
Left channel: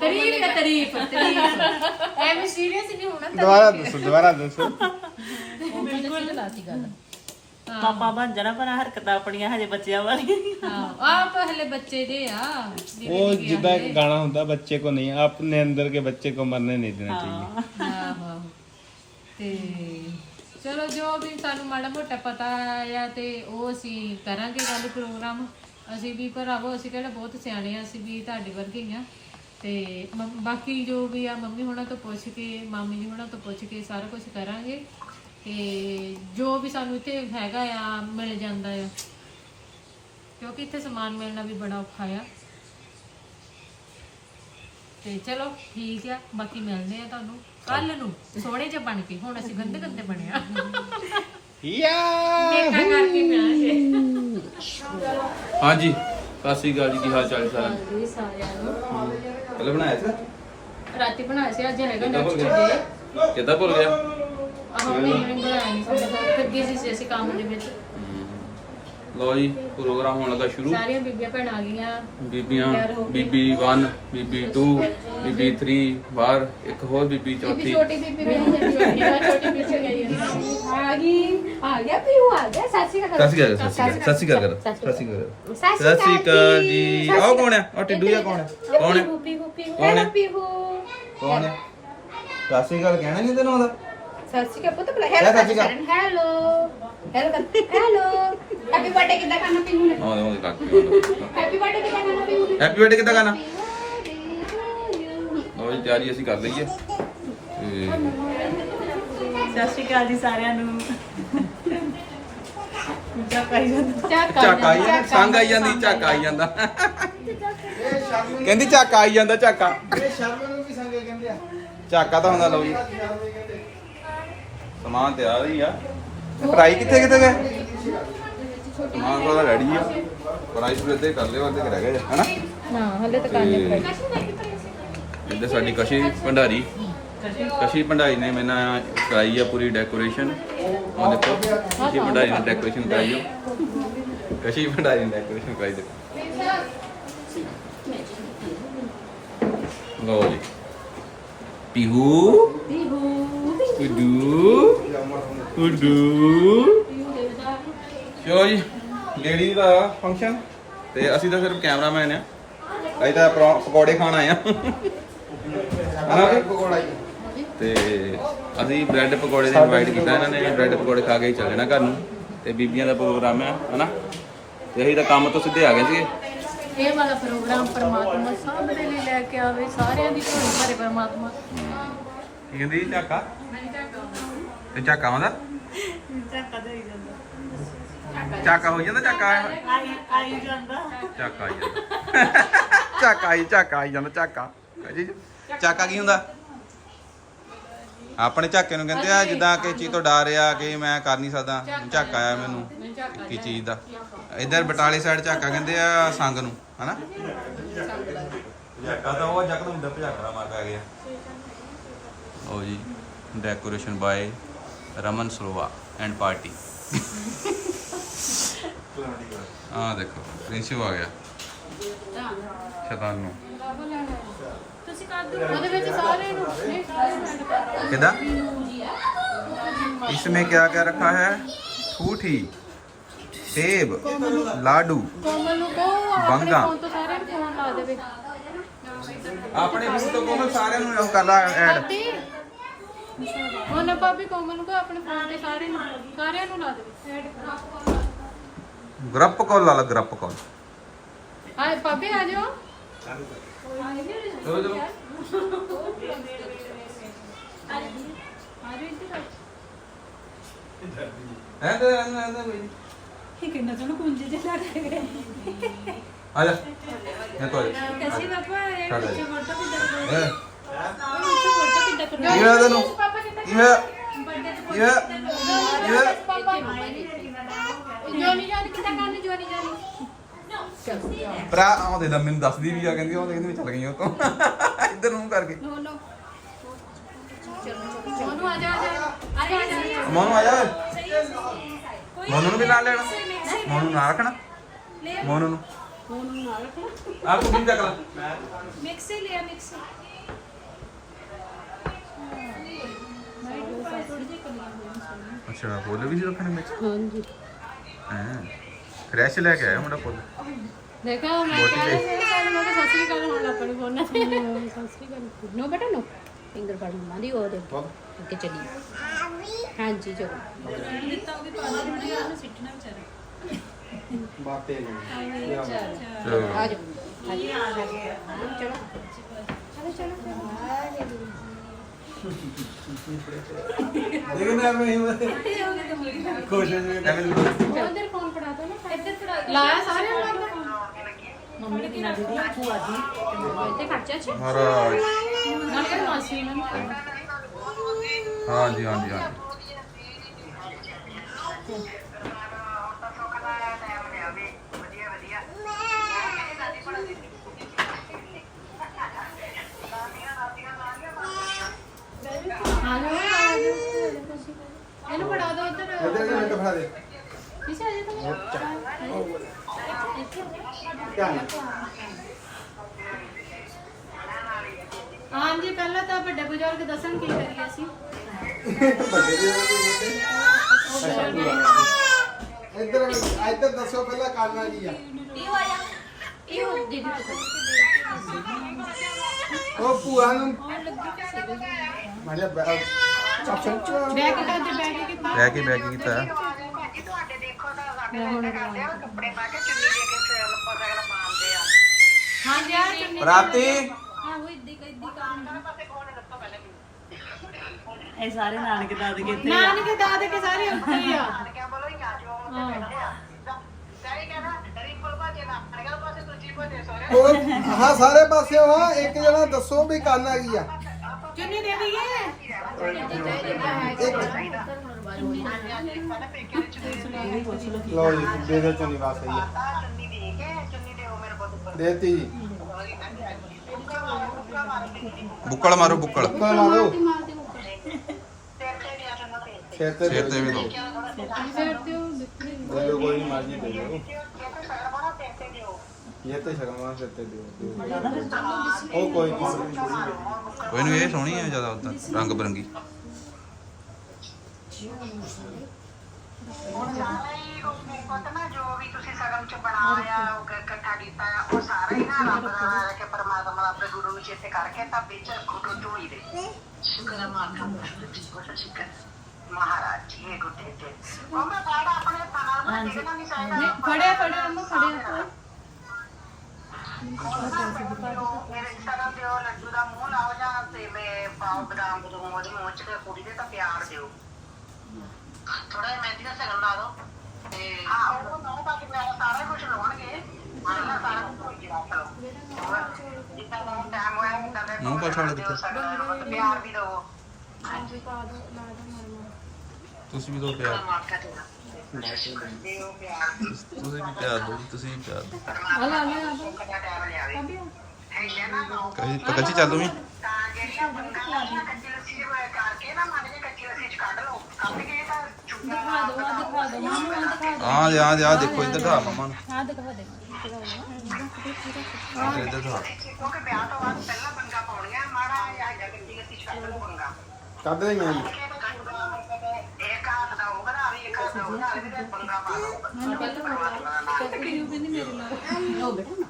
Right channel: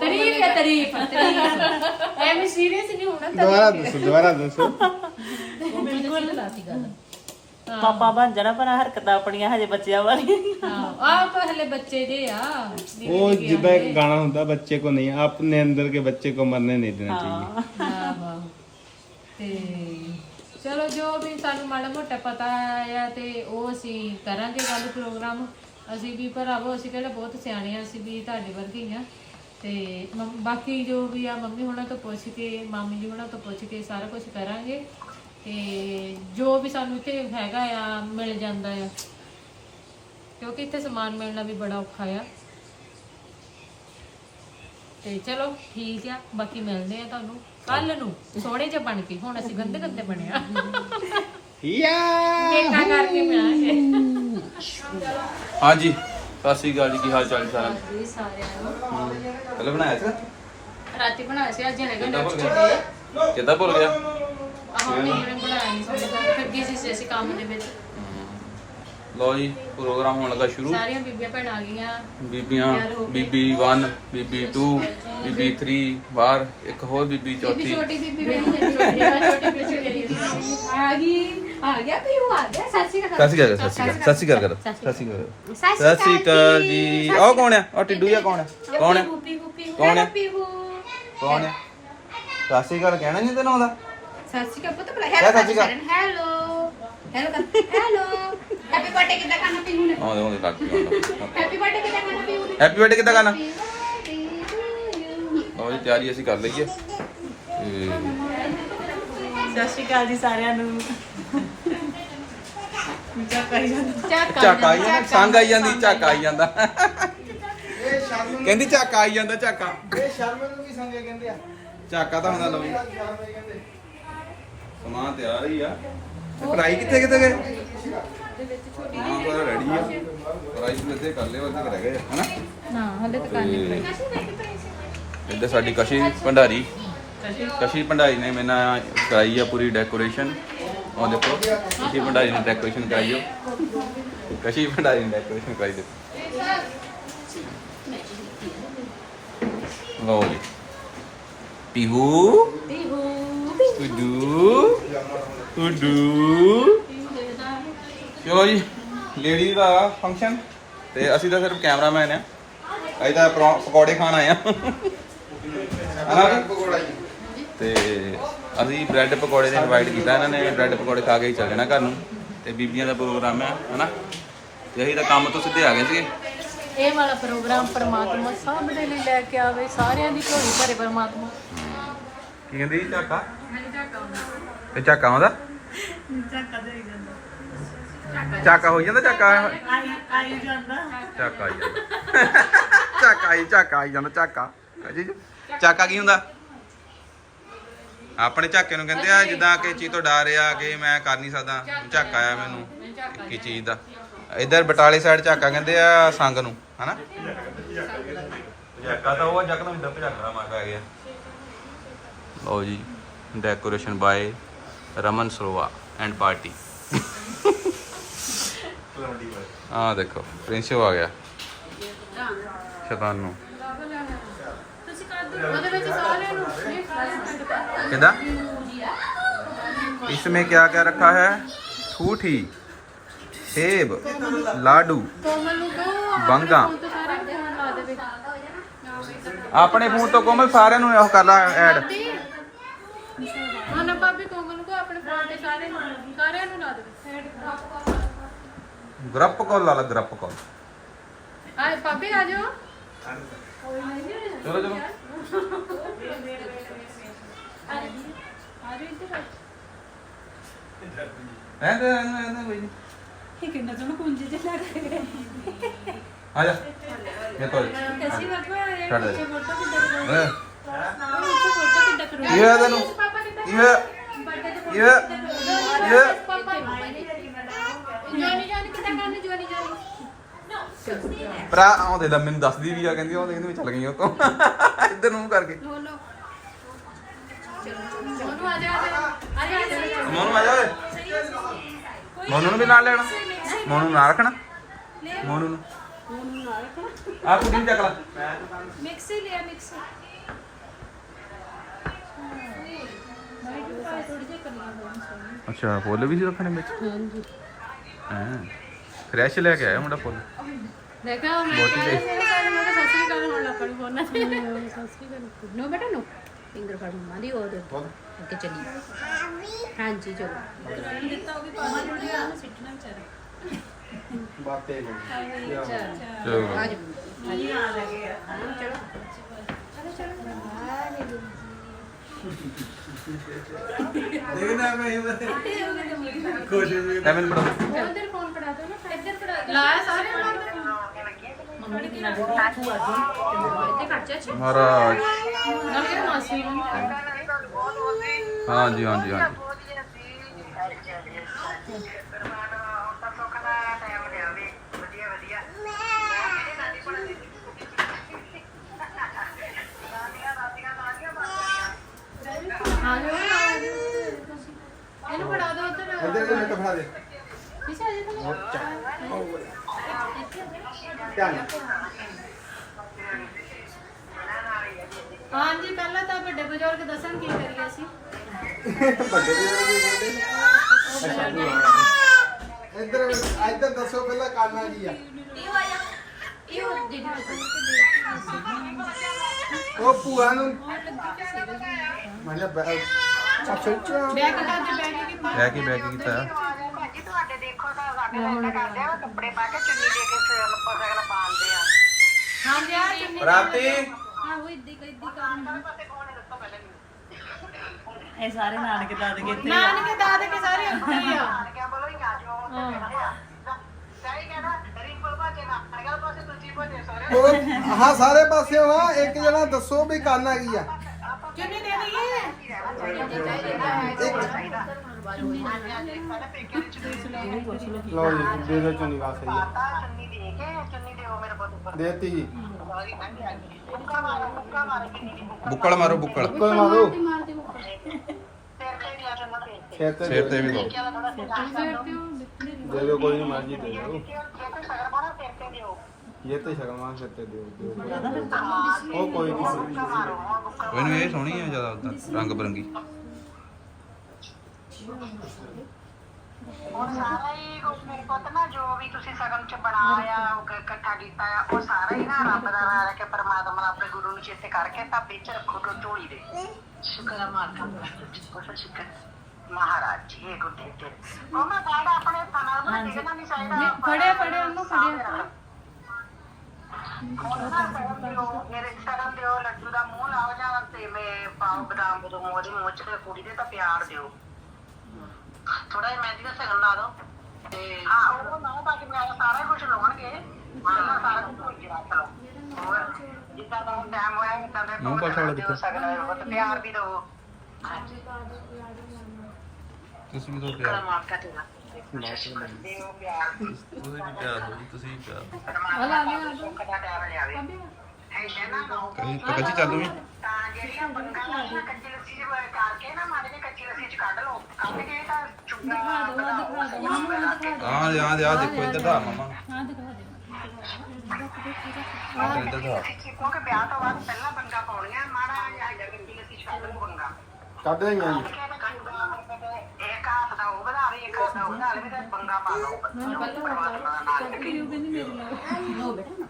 ਤਾਰੀਫ ਹੈ ਤਾਰੀਫ ਤਾਰੀਫ। ਐਵੇਂ ਸੀਰੀਅਸ ਨਹੀਂ ਹੋਣਾ ਦੁਬਾਰਾ ਦੱਸੋ ਦੁਬਾਰਾ ਦੱਸੋ। ਬਿਲਕੁਲ। ਲਾਤੀ ਗੱਲ। ਪਾਪਾ ਬਣ ਜਾਣਾ ਪਰ ਆਹ ਹਰਕਤਾਂ ਆਪਣੀਆਂ ਹਜੇ ਬੱਚਿਆਂ ਵਾਲੀਆਂ ਹਾਂ ਆਪ ਹਲੇ ਬੱਚੇ ਦੇ ਆ वो जिदा गाना होता है बच्चे को नहीं अपने अंदर के बच्चे को मरने नहीं देना चाहिए ਆਹੋ ਆਹੋ। ਤੇ ਚਲੋ ਜੋ ਵੀ ਸਾਨੂੰ ਮਾੜਾ ਮੋਟਾ ਪਤਾ ਆ ਤੇ ਉਹ ਅਸੀਂ ਕਰਾਂਗੇ ਗੱਲ ਪ੍ਰੋਗਰਾਮ ਅਸੀਂ ਵੀ ਭਰਾਵੋ ਅਸੀਂ ਕਿਹੜਾ ਬਹੁਤ ਸਿਆਣੇ ਆ ਅਸੀਂ ਵੀ ਤੁਹਾਡੇ ਵਰਗੇ ਹੀ ਆ ਤੇ ਮੰਮ- ਬਾਕੀ ਜੋ ਵੀ ਆ ਮੰਮੀ ਹੁਣਾਂ ਤੋਂ ਪੁੱਛ ਕੇ ਮਾਮੀ ਜੀ ਹੁਣਾਂ ਤੋਂ ਪੁੱਛ ਕੇ ਸਾਰਾ ਕੁਝ ਕਰਾਂਗੇ ਤੇ ਜੋ ਵੀ ਸਾਨੂੰ ਇੱਥੇ ਹੈਗਾ ਆ ਮਿਲ ਜਾਂਦਾ ਆ। ਕਿਉਂਕਿ ਇੱਥੇ ਸਮਾਨ ਮਿਲਣਾ ਵੀ ਬੜਾ ਔਖਾ ਆ। ਤੇ ਚਲੋ ਠੀਕ ਆ ਬਾਕੀ ਮਿਲਦੇ ਆ ਤੁਹਾਨੂੰ। ਕੱਲ ਨੂੰ ਸੋਹਣੇ ਜਿਹਾ ਬਣ ਕੇ ਹੁਣ ਅਸੀਂ ਗੰਦੇ ਗੰਦੇ ਬਣਿਆ। या ਮੇਕਾ ਕਰਕੇ ਮਿਲਾਂਗੇ ਹਾਂਜੀ ਸਤਿ ਸ਼੍ਰੀ ਅਕਾਲ ਜੀ ਕੀ ਹਾਲ ਚਾਲ ਜੀ ਸਾਰਾ ਜੀ ਸਾਰਿਆਂ ਨੂੰ। ਪਹਿਲੇ ਬਣਾਇਆ ਸੀ ਰਾਤੀ ਬਣਾਇਆ ਸੀ ਅੱਜ ਹੈਗਾ ਕਿੱਦਾਂ ਭੁੱਲ ਨੈਕਸਟ ਗਿਆ? ਡੇ ਕਿੱਦਾਂ ਭੁੱਲ ਗਿਆ? ਆਹ ਮੰਮੀ ਨੇ ਬਣਾਇਆ ਨਹੀਂ ਸੀ ਫਿਰ ਬਿਜ਼ੀ ਸੀ ਅਸੀਂ ਕੰਮ ਦੇ ਵਿੱਚ। ਲਓ ਜੀ ਪ੍ਰੋਗਰਾਮ ਹੋਣ ਲੱਗਾ ਸ਼ੁਰੂ। ਸਾਰੀਆਂ ਬੀਬੀਆਂ ਭੈਣਾਂ ਆ ਗਈਆਂ। ਬੀਬੀਆਂ ਬੀਬੀ 1 ਬੀਬੀ 2 ਬੀਬੀ 3 ਬਾਹਰ ਇੱਕ ਹੋਰ ਬੀਬੀ ਚੌਥੀ। ਛੋਟੀ ਬੀਬੀ ਰਹੀ ਹੈ ਛੋਟੀ ਬੀਬੀ ਆ ਗਈ ਆ ਗਿਆ ਪੀੂ ਆ ਗਿਆ। ਸਾਸੀ ਦਾ ਸਤਿ ਸ਼੍ਰੀ ਅਕਾਲ ਸਤਿ ਸ਼੍ਰੀ ਅਕਾਲ। ਸਤਿ ਸ਼੍ਰੀ ਅਕਾਲ ਸਤਿ ਸ਼੍ਰੀ ਅਕਾਲ ਜੀ। ਆਹ ਕੌਣ ਹੈ? ਉਹ ਟਿੱਡੂ ਜਿਹਾ ਕੌਣ ਹੈ? ਕੌਣ ਹੈ? ਗੁੱਪੀ ਗੁੱਪੀ। ਕੌਣ ਹੈ? ਪੀਹੂ ਕੌਣ ਹੈ? ਸਤਿ ਸ਼੍ਰੀ ਅਕਾਲ ਕਹਿਣਾ ਨਹੀਂ ਤੈਨੂੰ ਆਉਂਦਾ। ਸਾਸੀ ਦਾ ਪੁੱਤ ਬੁਲਾ ਕਹਿ ਸਤਿ ਸ਼੍ਰੀ ਅਕਾਲ। Hello hello hello happy birthday ਕਿੱਦਾਂ ਕਰਨਾ ਪੀਹੂ ਨੇ? ਆਉਂਦੇ ਆਉਂਦੇ ਲੱਗ ਗਿਆ ਹੈਪੀ ਬਰਥਡੇ ਕਿੱਦਾਂ ਕਰਨਾ ਪੀਹੂ ਨੇ? ਹੈਪੀ ਬਰਥਡੇ ਕਿੱਦਾਂ ਕਰਨਾ? Happy birthday to you. ਲਓ ਜੀ ਤਿਆਰੀ ਅਸੀਂ ਕਰ ਲਈਏ। ਤੇ ਸਤਿ ਸ਼੍ਰੀ ਅਕਾਲ ਜੀ ਸਾਰਿਆਂ ਨੂੰ। ਚੱਕ ਆਈ ਜਾਂਦਾ। ਝਾਕਾ ਆਈ ਜਾਂਦਾ ਸੰਗ ਆਈ ਜਾਂਦੀ ਝਾਕਾ ਆਈ ਜਾਂਦਾ। ਕਹਿੰਦੀ ਝਾਕਾ ਆਈ ਜਾਂਦਾ ਝਾਕਾ। ਇਹ ਸ਼ਰਮ ਨੂੰ ਵੀ ਸੰਗ ਕਹਿੰਦੇ ਆ। ਝਾਕਾ ਤਾਂ ਹੁੰਦਾ ਲਓ ਜੀ। ਸਮਾਨ ਤਿਆਰ ਹੀ ਆ। ਫਰਾਈ ਕਿੱਥੇ ਕਿੱਥੇ ਗਏ? ਸਮਾਨ ਕੋਲ ਰੈਡੀ ਆ। ਫਰਾਈ ਵੀ ਇੱਥੇ ਕਰ ਲਿਓ ਇੱਥੇ ਰਹਿ ਗਏ ਹਨਾ? ਹਾਂ ਹਲੇ ਤਾਂ ਤੇ ਇੱਧਰ ਸਾਡੀ ਕਸ਼ੀ ਭੰਡਾਰੀ। ਕਸ਼ੀ ਭੰਡਾਰੀ ਨੇ ਮੇਰੇ ਨਾਲ ਕਰਾਈ ਆ ਪੂਰੀ ਡੈਕੋਰੇਸ਼ਨ ਉਹ ਦੇਖੋ ਕਸ਼ੀ ਭੰਡਾਰੀ ਨੇ ਡੈਕੋਰੇਸ਼ਨ ਕਰਾਈ ਆ। ਕਸ਼ੀ ਭੰਡਾਰੀ ਨੇ ਡੈਕੋਰੇਸ਼ਨ ਕਰਾਈ ਦੇਖੋ। ਲਓ ਜੀ। ਪੀਹੂ। ਉਡੂ ਉਡੂ ਚਲੋ ਜੀ ਲੇਡੀ ਦਾ ਫੰਕਸ਼ਨ ਤੇ ਅਸੀਂ ਤਾਂ ਸਿਰਫ ਕੈਮਰਾਮੈਨ ਆ। ਅਸੀਂ ਤਾਂ ਪਰੌ- ਪਕੌੜੇ ਖਾਣ ਆਏ ਆ। ਹਨਾ? ਤੇ ਅਸੀਂ ਬ੍ਰੈਡ ਪਕੌੜੇ ਦੇ ਇਨਵਾਈਟ ਕੀਤਾ ਇਹਨਾਂ ਨੇ ਬ੍ਰੈਡ ਪਕੌੜੇ ਖਾ ਕੇ ਹੀ ਚੱਲ ਜਾਣਾ ਘਰ ਨੂੰ। ਤੇ ਬੀਬੀਆਂ ਦਾ ਪ੍ਰੋਗਰਾਮ ਆ, ਹਨਾ? ਤੇ ਅਸੀਂ ਤਾਂ ਕੰਮ ਤੋਂ ਸਿੱਧੇ ਆ ਗਏ ਸੀ ਇਹ ਵਾਲਾ ਪ੍ਰੋਗਰਾਮ ਪਰਮਾਤਮਾ ਸਭ ਦੇ ਲਈ ਲੈ ਕੇ ਆਵੇ, ਸਾਰਿਆਂ ਦੀ ਢੋਲੀ ਭਰੇ ਪਰਮਾਤਮਾ। ਕੀ ਕਹਿੰਦੀ ਜੀ ਝਾਕਾ? ਤੇ ਝਾਕਾ ਆਉਂਦਾ? ਜਾਂਦਾ। ਝਾਕਾ ਹੋ ਜਾਂਦਾ ਝਾਕਾ? ਆਈ ਆਈ ਜਾਂਦਾ। ਝਾਕਾ ਆਈ ਜਾਂਦਾ। ਝਾਕਾ ਆਈ ਝਾਕਾ ਆਈ ਜਾਂਦਾ ਝਾਕਾ। ਜੀ। ਝਾਕਾ ਕੀ ਹੁੰਦਾ? ਆਪਣੇ ਝਾਕੇ ਨੂੰ ਕਹਿੰਦੇ ਆ ਜਿੱਦਾਂ ਕਿ ਚੀਜ਼ ਤੋਂ ਡਰ ਆ ਕਿ ਮੈਂ ਕਰ ਨਹੀਂ ਸਕਦਾ। ਝਾਕਾ ਆ ਮੈਨੂੰ ਕੀ ਚੀਜ਼ ਦਾ। ਇਧਰ ਬਟਾਲੇ ਸਾਈਡ ਝਾਕਾ ਕਹਿੰਦੇ ਆ ਸੰਗ ਨੂੰ ਹਨਾ? ਝਾਕਾ। ਤਾਂ ਉਹ ਜੱਕ ਨੂੰ ਹੁੰਦਾ ਝਾਕਾ ਮਾ ਪੈ ਗਿਆ ਲਓ ਜੀ decoration by Raman Sarova and party ਆ ਦੇਖੋ ਪ੍ਰਿੰਸਿਪਲ ਆ ਗਿਆ ਸ਼ੈਤਾਨ ਨੂੰ ਤੁਸੀਂ ਕਰ ਦਿਓ ਉਹਦੇ ਵਿੱਚ ਸਾਰਿਆਂ ਨੂੰ ਇਹ ਸਾਰਿਆਂ ਨੂੰ add ਕਰ ਦਿਓ। किदा इसमें क्या क्या रखा है ठूठी सेब लाडू ਕੋਮਲ ਨੂੰ ਕਹੋ ਆਪਣੇ ਬੰਗਾ। ਫੋਨ ਤੋਂ ਸਾਰਿਆਂ ਨੂੰ ਫੋਨ ਲਾ ਦੇਵੇ ਆਪਣੇ ਫੋਨ ਤੋਂ ਕੋਮਲ ਸਾਰਿਆਂ ਨੂੰ ਉਹ ਕਰ ਲਾ ਐਡ ਉਹਨੇ ਭਾਬੀ ਕੋਮਲ ਨੂੰ ਕਹੋ ਆਪਣੇ ਫੋਨ ਤੇ ਸਾਰਿਆਂ ਨੂੰ ਸਾਰਿਆਂ ਨੂੰ ਲਾ ਦੇਵੇ ਐਡ ਗਰੁੱਪ ਕਾਲ ਲਾ ਲਾ ਗਰੁੱਪ ਕਾਲ। ਆਏ ਭਾਬੀ ਆ ਜਾਓ। ਚਲੋ ਚਲੋ। ਆ ਜਾਓ ਇੱਧਰ ਆ ਐਂ ਤੇ ਐਂ ਤੇ- ਐਂ ਤੇ ਨੀ। ਇਹ ਕਿੰਨਾ ਤੁਹਾਨੂੰ ਕੁੰਜੀ ਚ ਲੱਗ ਗਏ ਆ ਜਾ। ਇਹ ਕੋਈ ਕਸੀ ਬਾਬਾ ਇਹ ਛੱਡ ਦੇ। ਫੋਟੋ ਕਿੱਦਾਂ ਕਿੱਦਾਂ ਕਰੋ ਕੀ ਹੋਇਆ ਤੈਨੂੰ। ਕੀ ਹੋਇਆ ਕੀ ਹੋਇਆ ਕੀ ਹੋਇਆ ਜੋਨੀ ਜਾਨੀ ਕਿੱਦਾਂ ਕਰਨੀ ਜੋਨੀ ਜਾਨੀ ਭਰਾ ਆਉਂਦੇ ਲੈ ਮੈਨੂੰ ਦੱਸਦੀ ਵੀ ਆ ਕਹਿੰਦੀ ਉਹ ਕਹਿੰਦੀ ਵੀ ਚੱਲ ਗਈ ਉਹ ਤੋਂ ਇੱਧਰ ਨੂੰ ਕਰਕੇ। ਮੋਨੂ ਮੋਨੂ ਆ ਜਾ। ਆ ਜਾ ਆ ਜਾ, ਆ ਜਾ ਮੋਨੂ ਆ ਜਾ ਓਏ ਮੋਨੂ ਨੂੰ ਵੀ ਨਾਲ ਲੈਣਾ। ਮੋਨੂ ਨੂੰ ਨਾਲ ਰੱਖਣਾ। ਮੋਨੂ ਨੂੰ। ਉਹਨੂੰ ਨਾਲ ਰੱਖਣਾ ਆ ਕੁੜੀ ਨੂੰ ਚੱਕ ਲਾ। ਮਿਕਸ ਹੀ ਲਿਆ ਮਿਕਸ ਥੋੜੀ ਜਿਹੀ ਕਲੀਆਂ ਹੋਣ ਸੋਹਣੀ ਅੱਛਾ ਫੁੱਲ ਵੀ ਨਹੀਂ ਰੱਖਣੇ ਵਿੱਚ? ਹਾਂਜੀ। ਹਾਂ ਫਰੈਸ਼ ਲੈ ਕੇ ਆਇਆ ਮੁੰਡਾ ਫੁੱਲ? ਦੇਖਾ ਮੈਂ ਬਹੁਤ ਹੀ ਕਹਿ ਰਹੀ ਸੀ ਕੱਲ ਮੈਂ ਤਾਂ ਸਤਿ ਸ੍ਰੀ ਅਕਾਲ ਹੋਣ ਲੱਗ ਪਈ ਫੋਨਾਂ ਤੇ ਸਤਿ ਸ਼੍ਰੀ ਅਕਾਲ। ਨੋ ਬੇਟਾ ਨੋ। ਫਿੰਗਰ ਫੜ ਮੰਮਾ ਦੀ ਉਹ ਦੇ। ਅੱਗੇ ਚੱਲੀ ਹਾਂਜੀ ਚਲੋ। ਦਿੱਤਾ ਉਹ ਵੀ ਪਾਣਾ ਥੋੜੀ ਆ ਨਾ ਸਿੱਟਣਾ ਵਿਚਾਰਾ ਬਾਤੇ ਚਲੋ। ਆ ਜਾ ਚਲੋ ਚਲੋ। ਚਲੋ ਦੇਖਦਾ ਮੈਂ ਲੈਮਨ ਬੜੋ ਉਧਰ ਫੋਨ ਫੜਾ ਦੋ ਨਾ। ਇੱਧਰ ਫੜਾ ਲਾਇਆ ਸਾਰੇ ਉਹਨਾਂ ਨੇ? ਮੰਮੀ ਨੇ ਕਿਹਾ ਦੇਖੋ ਭੂਆ ਦੀ ਇੱਥੇ ਖਰਚਾ ਚ ਮਹਾਰਾਜ। ਨਾਲ ਕਿ ਮਾਸੀ ਜਾਓ ਆ ਜਾਓ ਇਹਨੂੰ ਫੜਾ ਦੋ ਕਿਸੇ ਆ ਜਾ ਹਾਂਜੀ ਪਹਿਲਾਂ ਤਾਂ ਵੱਡੇ ਬਜ਼ੁਰਗ ਦੱਸਣ ਕੀ ਕਰੀਏ ਅਸੀਂ? ਇੱਧਰ ਇੱਧਰ ਦੱਸੋ ਪਹਿਲਾਂ ਕਰਨਾ ਕੀ ਆ ਇਹ ਹੋ ਦੀਦੀ ਉਹ ਭੂਆ ਨੂੰ ਮੈਂ ਲਿਆ ਬੈ- ਚੱਲ ਚੱਲ ਬੈਗ ਦੇ ਬੈਗ ਕੀਤਾ ਬਹਿ ਕੇ ਬਹਿ ਕੇ ਕੀਤਾ। ਹਾਂ ਜੀ ਆ ਚੁੰਨੀ ਰਾਤੀ? ਹਾਂ ਉਹ ਇੱਦੀ ਇੱਦੀ ਕਰਨ ਇਹ ਸਾਰੇ ਨਾਨਕੇ ਦਾਦਕੇ ਤੇ ਨਾਨਕੇ ਦਾਦੇ ਕੇ ਸਾਰੇ ਉੱਤੇ ਹੀ ਆ। ਉਹ ਹਾਂ ਸਾਰੇ ਪਾਸੇ ਹਾਂ ਇੱਕ ਜਣਾ ਦੱਸੋ ਵੀ ਕੀ ਆ। ਚੁੰਨੀ ਦੇ ਦਈਏ। ਲੋ ਜੀ ਦੇ ਦੇ ਚੁੰਨੀ ਵਾਸ ਸਹੀ ਆ ਦੇਤੀ ਬੁੱਕਲ ਮਾਰੋ ਬੁੱਕਲ। ਕੋਈ ਮਾਰੋ। ਸਿਰ ਤੇ ਸਿਰ ਤੇ ਵੀ ਲਾਓ। ਦੇ ਲੋ ਕੋਈ ਨਹੀਂ ਮਰਜ਼ੀ ਦੇ ਲੋ ਇਹ ਤੇ ਸ਼ਰਮਾ ਸਿਰ ਤੇ ਦਿਓ। ਦਿਓ। ਉਹ ਕੋਈ ਨਹੀਂ ਇਹ ਸੋਹਣੀ ਹੈ ਜ਼ਿਆਦਾ ਉਦਾਂ ਰੰਗ ਬਰੰਗੀ। ਉਹ ਸਾਰਾ ਹੀ ਉਹ ਪੁੱਤ ਨਾ ਜੋ ਵੀ ਤੁਸੀਂ ਸਗਨ ਚ ਬਣਾਇਆ ਉਹ ਕ- ਇਕੱਠਾ ਕੀਤਾ ਆ ਉਹ ਸਾਰਾ ਹੀ ਨਾ ਰੱਬ ਦਾ ਨਾਮ ਲੈ ਕੇ ਪਰਮਾਤਮਾ ਦਾ ਆਪਣੇ ਗੁਰੂ ਨੂੰ ਚੇਤੇ ਕਰਕੇ ਤਾਂ ਵਿੱਚ ਟੋ ਝੋਲੀ ਦੇ। ਸ਼ੁਕਰ ਹੈ ਮਾਤਾ ਦਾ। ਸ਼ੁਕਰ ਮਹਾਰਾਜ ਜੀ ਇਹ ਗੁੱਡੇ ਤੇ ਉਹ ਮੈਂ ਸਾਡਾ ਆਪਣੇ ਥਾਣਾ ਨੂੰ ਦੇਖਣਾ ਨਹੀਂ ਚਾਹੀਦਾ ਫੜਿਆ ਫੜਿਆ ਉਹਨੂੰ ਫੜਿਆ। ਮੇਰੇ ਸਗਨ ਦਿਓ ਲੱਡੂ ਦਾ ਮੂੰਹ ਲਾਓ ਜਾਂ ਤੇ ਮੈਂ ਪਾਓ ਬਦਾਮ ਬਦੂ ਮੋਜ ਮੋਚ ਤੇ ਕੁੜੀ ਦੇ ਤਾਂ ਪਿਆਰ ਦਿਓ। ਥੋੜਾ ਜਿਹਾ ਮਹਿੰਦੀ ਦਾ ਸਗਨ ਲਾ ਦਿਓ ਤੇ ਹਾਂ ਉਹ ਨਾ ਬਾਕੀ ਮੈਂ ਸਾਰਾ ਕੁਝ ਲਾਉਣਗੇ। ਮਾਰਨਾ ਸਾਰਾ ਕੁਝ ਹੋ ਗਿਆ ਚਲੋ ਜਿੱਦਾਂ ਦਾ ਟਾਈਮ ਹੋਇਆ ਮੁੰਡਾ ਦੇ ਮੂੰਹ ਪਾਛਾ ਵਾਲਾ ਕਿੱਥੇ? ਪਿਆਰ ਵੀ ਦਿਓ। ਤੁਸੀਂ ਵੀ ਦੋ ਪਿਆਰ। ਤੁਸੀਂ ਵੀ ਪਿਆਰ ਦਿਓ ਤੁਸੀਂ ਵੀ ਪਿਆਰ ਦਿਓ। ਆ ਲਾ ਲਿਆ ਆ ਨਾ ਲਓ ਕਹੀ ਪਕੜ ਚੱਲ ਤੂੰ ਵੀ। ਤਾਂ ਜਿਹੜੀਆਂ ਬੰਗਾਂ ਕੱਚੀ ਦੇ ਦਿਖਾ ਦੋ ਆ ਦਿਖਾ ਦੋ ਮੈਨੂੰ ਆ ਦਿਖਾ ਦੋ ਆ ਆ ਆ ਦੇਖੋ ਇੱਧਰ ਦਾ ਮਮਾ ਨੂੰ। ਆ ਦਿਖਾ ਦੇ ਇੱਧਰ ਇੱਧਰ ਦਾ ਕਿਉਂਕਿ ਵਿਆਹ ਤੋਂ ਬਾਅਦ ਪਹਿਲਾਂ ਬੰਗਾ ਪਾਉਣੀਆਂ ਮਾੜਾ ਜਿਹਾ ਜਾਂ। ਕੱਚੀ ਲੱਸੀ ਚ ਕੱਢ ਦੇ ਮੈਂ ਦਾ ਦਾ ਮੈਨੂੰ ਕਹਿੰਦੀ ਉਹ ਕਹਿੰਦੀ। ਮੇਰੇ ਨਾਲ ਲੋ ਬੇਟਾ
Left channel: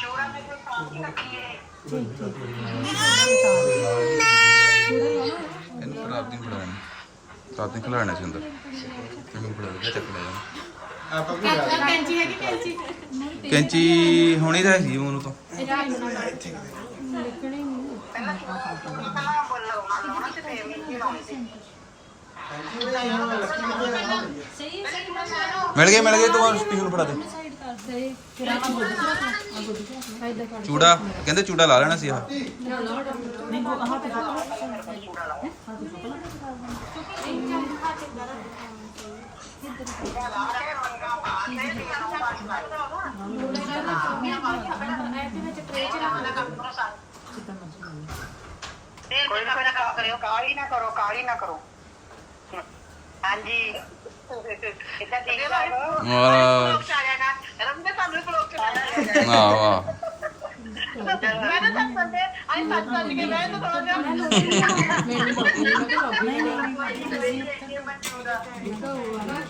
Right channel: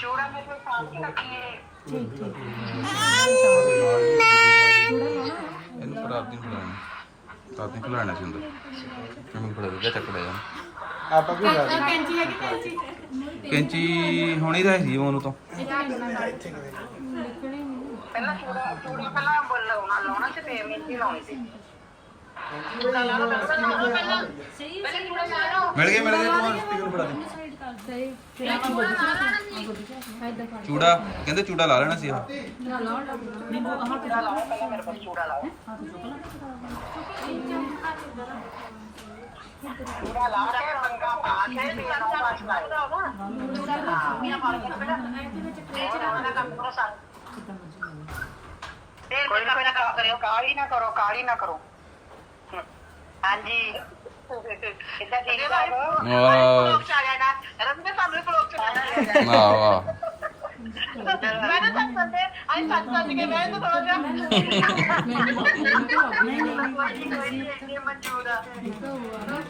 ਚੂੜਾ ਮੇਰੇ ਕੋਲ ਸਾਫ਼ ਹੀ ਰੱਖੀਏ ਥੋੜਾ ਲਾਉਣਾ ਇਹਨੂੰ ਪਰ ਆਪ ਦੀ ਫੜਾਣੀ ਆਪ ਖਿਲਾਣਾ ਸੀ ਅੰਦਰ। ਕਿਵੇਂ ਫੜਾ ਦੇ ਚੱਕ ਲੈ ਜਾ ਆਪਾਂ ਵੀ ਕੈਂਚੀ ਹੈਗੀ, ਕੈਂਚੀ। ਕੈਂਚੀ ਹੋਣੀ ਤਾਂ ਸੀ ਉਹਨੂੰ ਤਾਂ। ਲਿਖਣੇ ਨਹੀਂ ਪਹਿਲਾਂ ਪਹਿਲਾਂ ਬੋਲੋ ਨਾ ਲਾਉਣਾ ਤੇ ਫੇਰ ਮਹਿੰਦੀ ਲਾਉਣੀ ਸੀ ਮਿਲ ਗਏ ਮਿਲ ਗਏ, ਤੂੰ ਸਪੀਕਰ ਫੜਾ ਦੇ। ਸਾਈਡ ਕਰ ਦੇ ਫਿਰ ਆਪਾਂ ਗੁੱਡ ਕਰਾ ਆ ਗੁੱਡ ਕਰਾ ਐਦਾਂ ਕਰ ਚੂੜਾ ਕਹਿੰਦੇ ਚੂੜਾ ਲਾ ਲੈਣਾ ਸੀ ਆਹ ਨਾ ਲਾ ਨਹੀਂ ਉਹ ਆਹ ਤੇ ਕੋਈ ਨਾ ਕੋਈ ਨਾ ਕੰਮ ਕਰਿਓ ਕਾਲੀ ਠੀਕ ਠਾਕ ਹੋ ਵਾਹ ਆ ਜਾਣਾ ਰੰਗ ਸਾਨੂੰ ਬਲੌਗ ਚ ਲੈਣਾ ਵਾਹ ਵਾਹ ਮੈਂ ਤਾਂ ਸੱਚ ਸੰਦੇ ਆਈ ਸੱਚ ਸੱਚ ਕੇ ਮੈਂ ਤਾਂ ਥੋੜਾ ਜਿਹਾ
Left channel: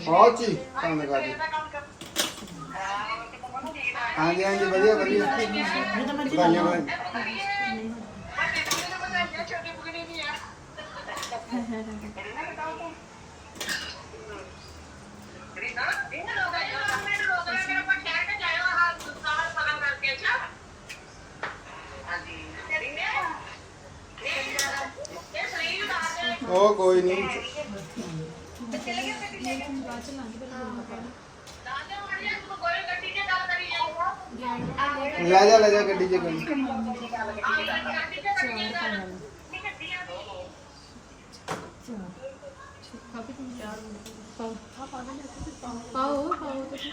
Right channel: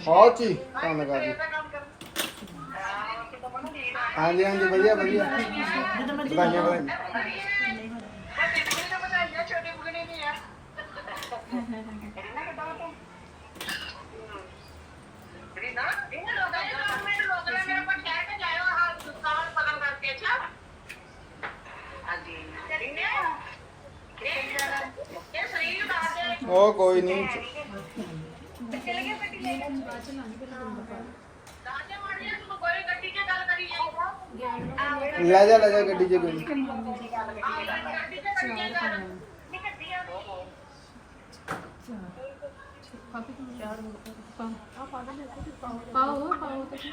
ਬਹੁਤ ਹੀ ਕੰਮ ਕਰ ਰਹੀ। ਹਾਂਜੀ ਹਾਂਜੀ ਵਧੀਆ ਵਧੀਆ। ਵਧੀਆ, ਵਧੀਆ। ਛੋਟੀ ਬੁਗਣੀ ਨਹੀਂ ਆ ਉਹ ਕੋਈ ਨਹੀਂ। ਲੈ ਜਾ ਲੈ ਜਾ ਗੱਡੀ 'ਚ ਕੋਈ। ਪਾਓ ਪਾਓ ਤੇ ਕੀ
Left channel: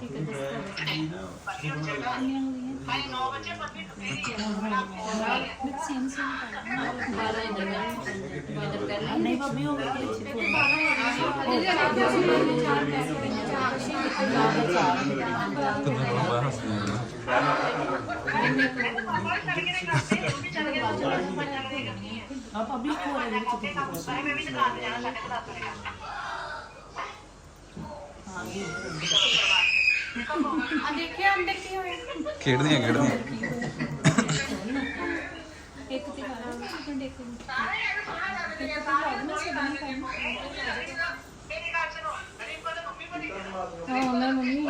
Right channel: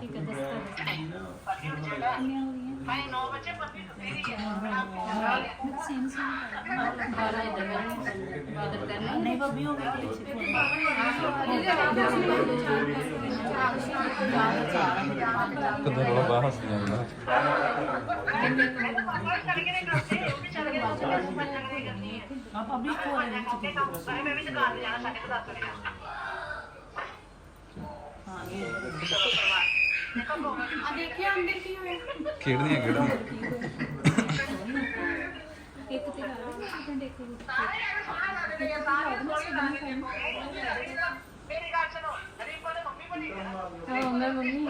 ਠੀਕ ਗੱਲ ਨਹੀਂ ਭਾਬੀ ਹੋ ਗਿਆ ਆ ਭਾਬੀ ਹੋ ਰਿਹਾ ਵਿੱਚ ਕੀ ਆ ਦੇਖਿਆ ਅੰਦਰ ਕੀ ਹੋਇਆ ਖੇਡਦੀਆਂ ਖੇਡਦੀਆਂ। ਇੱਕ ਤੇ ਲਾ ਲਓ ਸੈਕਿੰਡ ਇੱਕ ਵਿੱਚ ਇੱਕ ਤੇ ਲਾ ਦੇਣਾ ਸੈਕਿੰਡ ਟਾਈਮ ਹਾਂ ਮੈਂ ਮੰਮੀ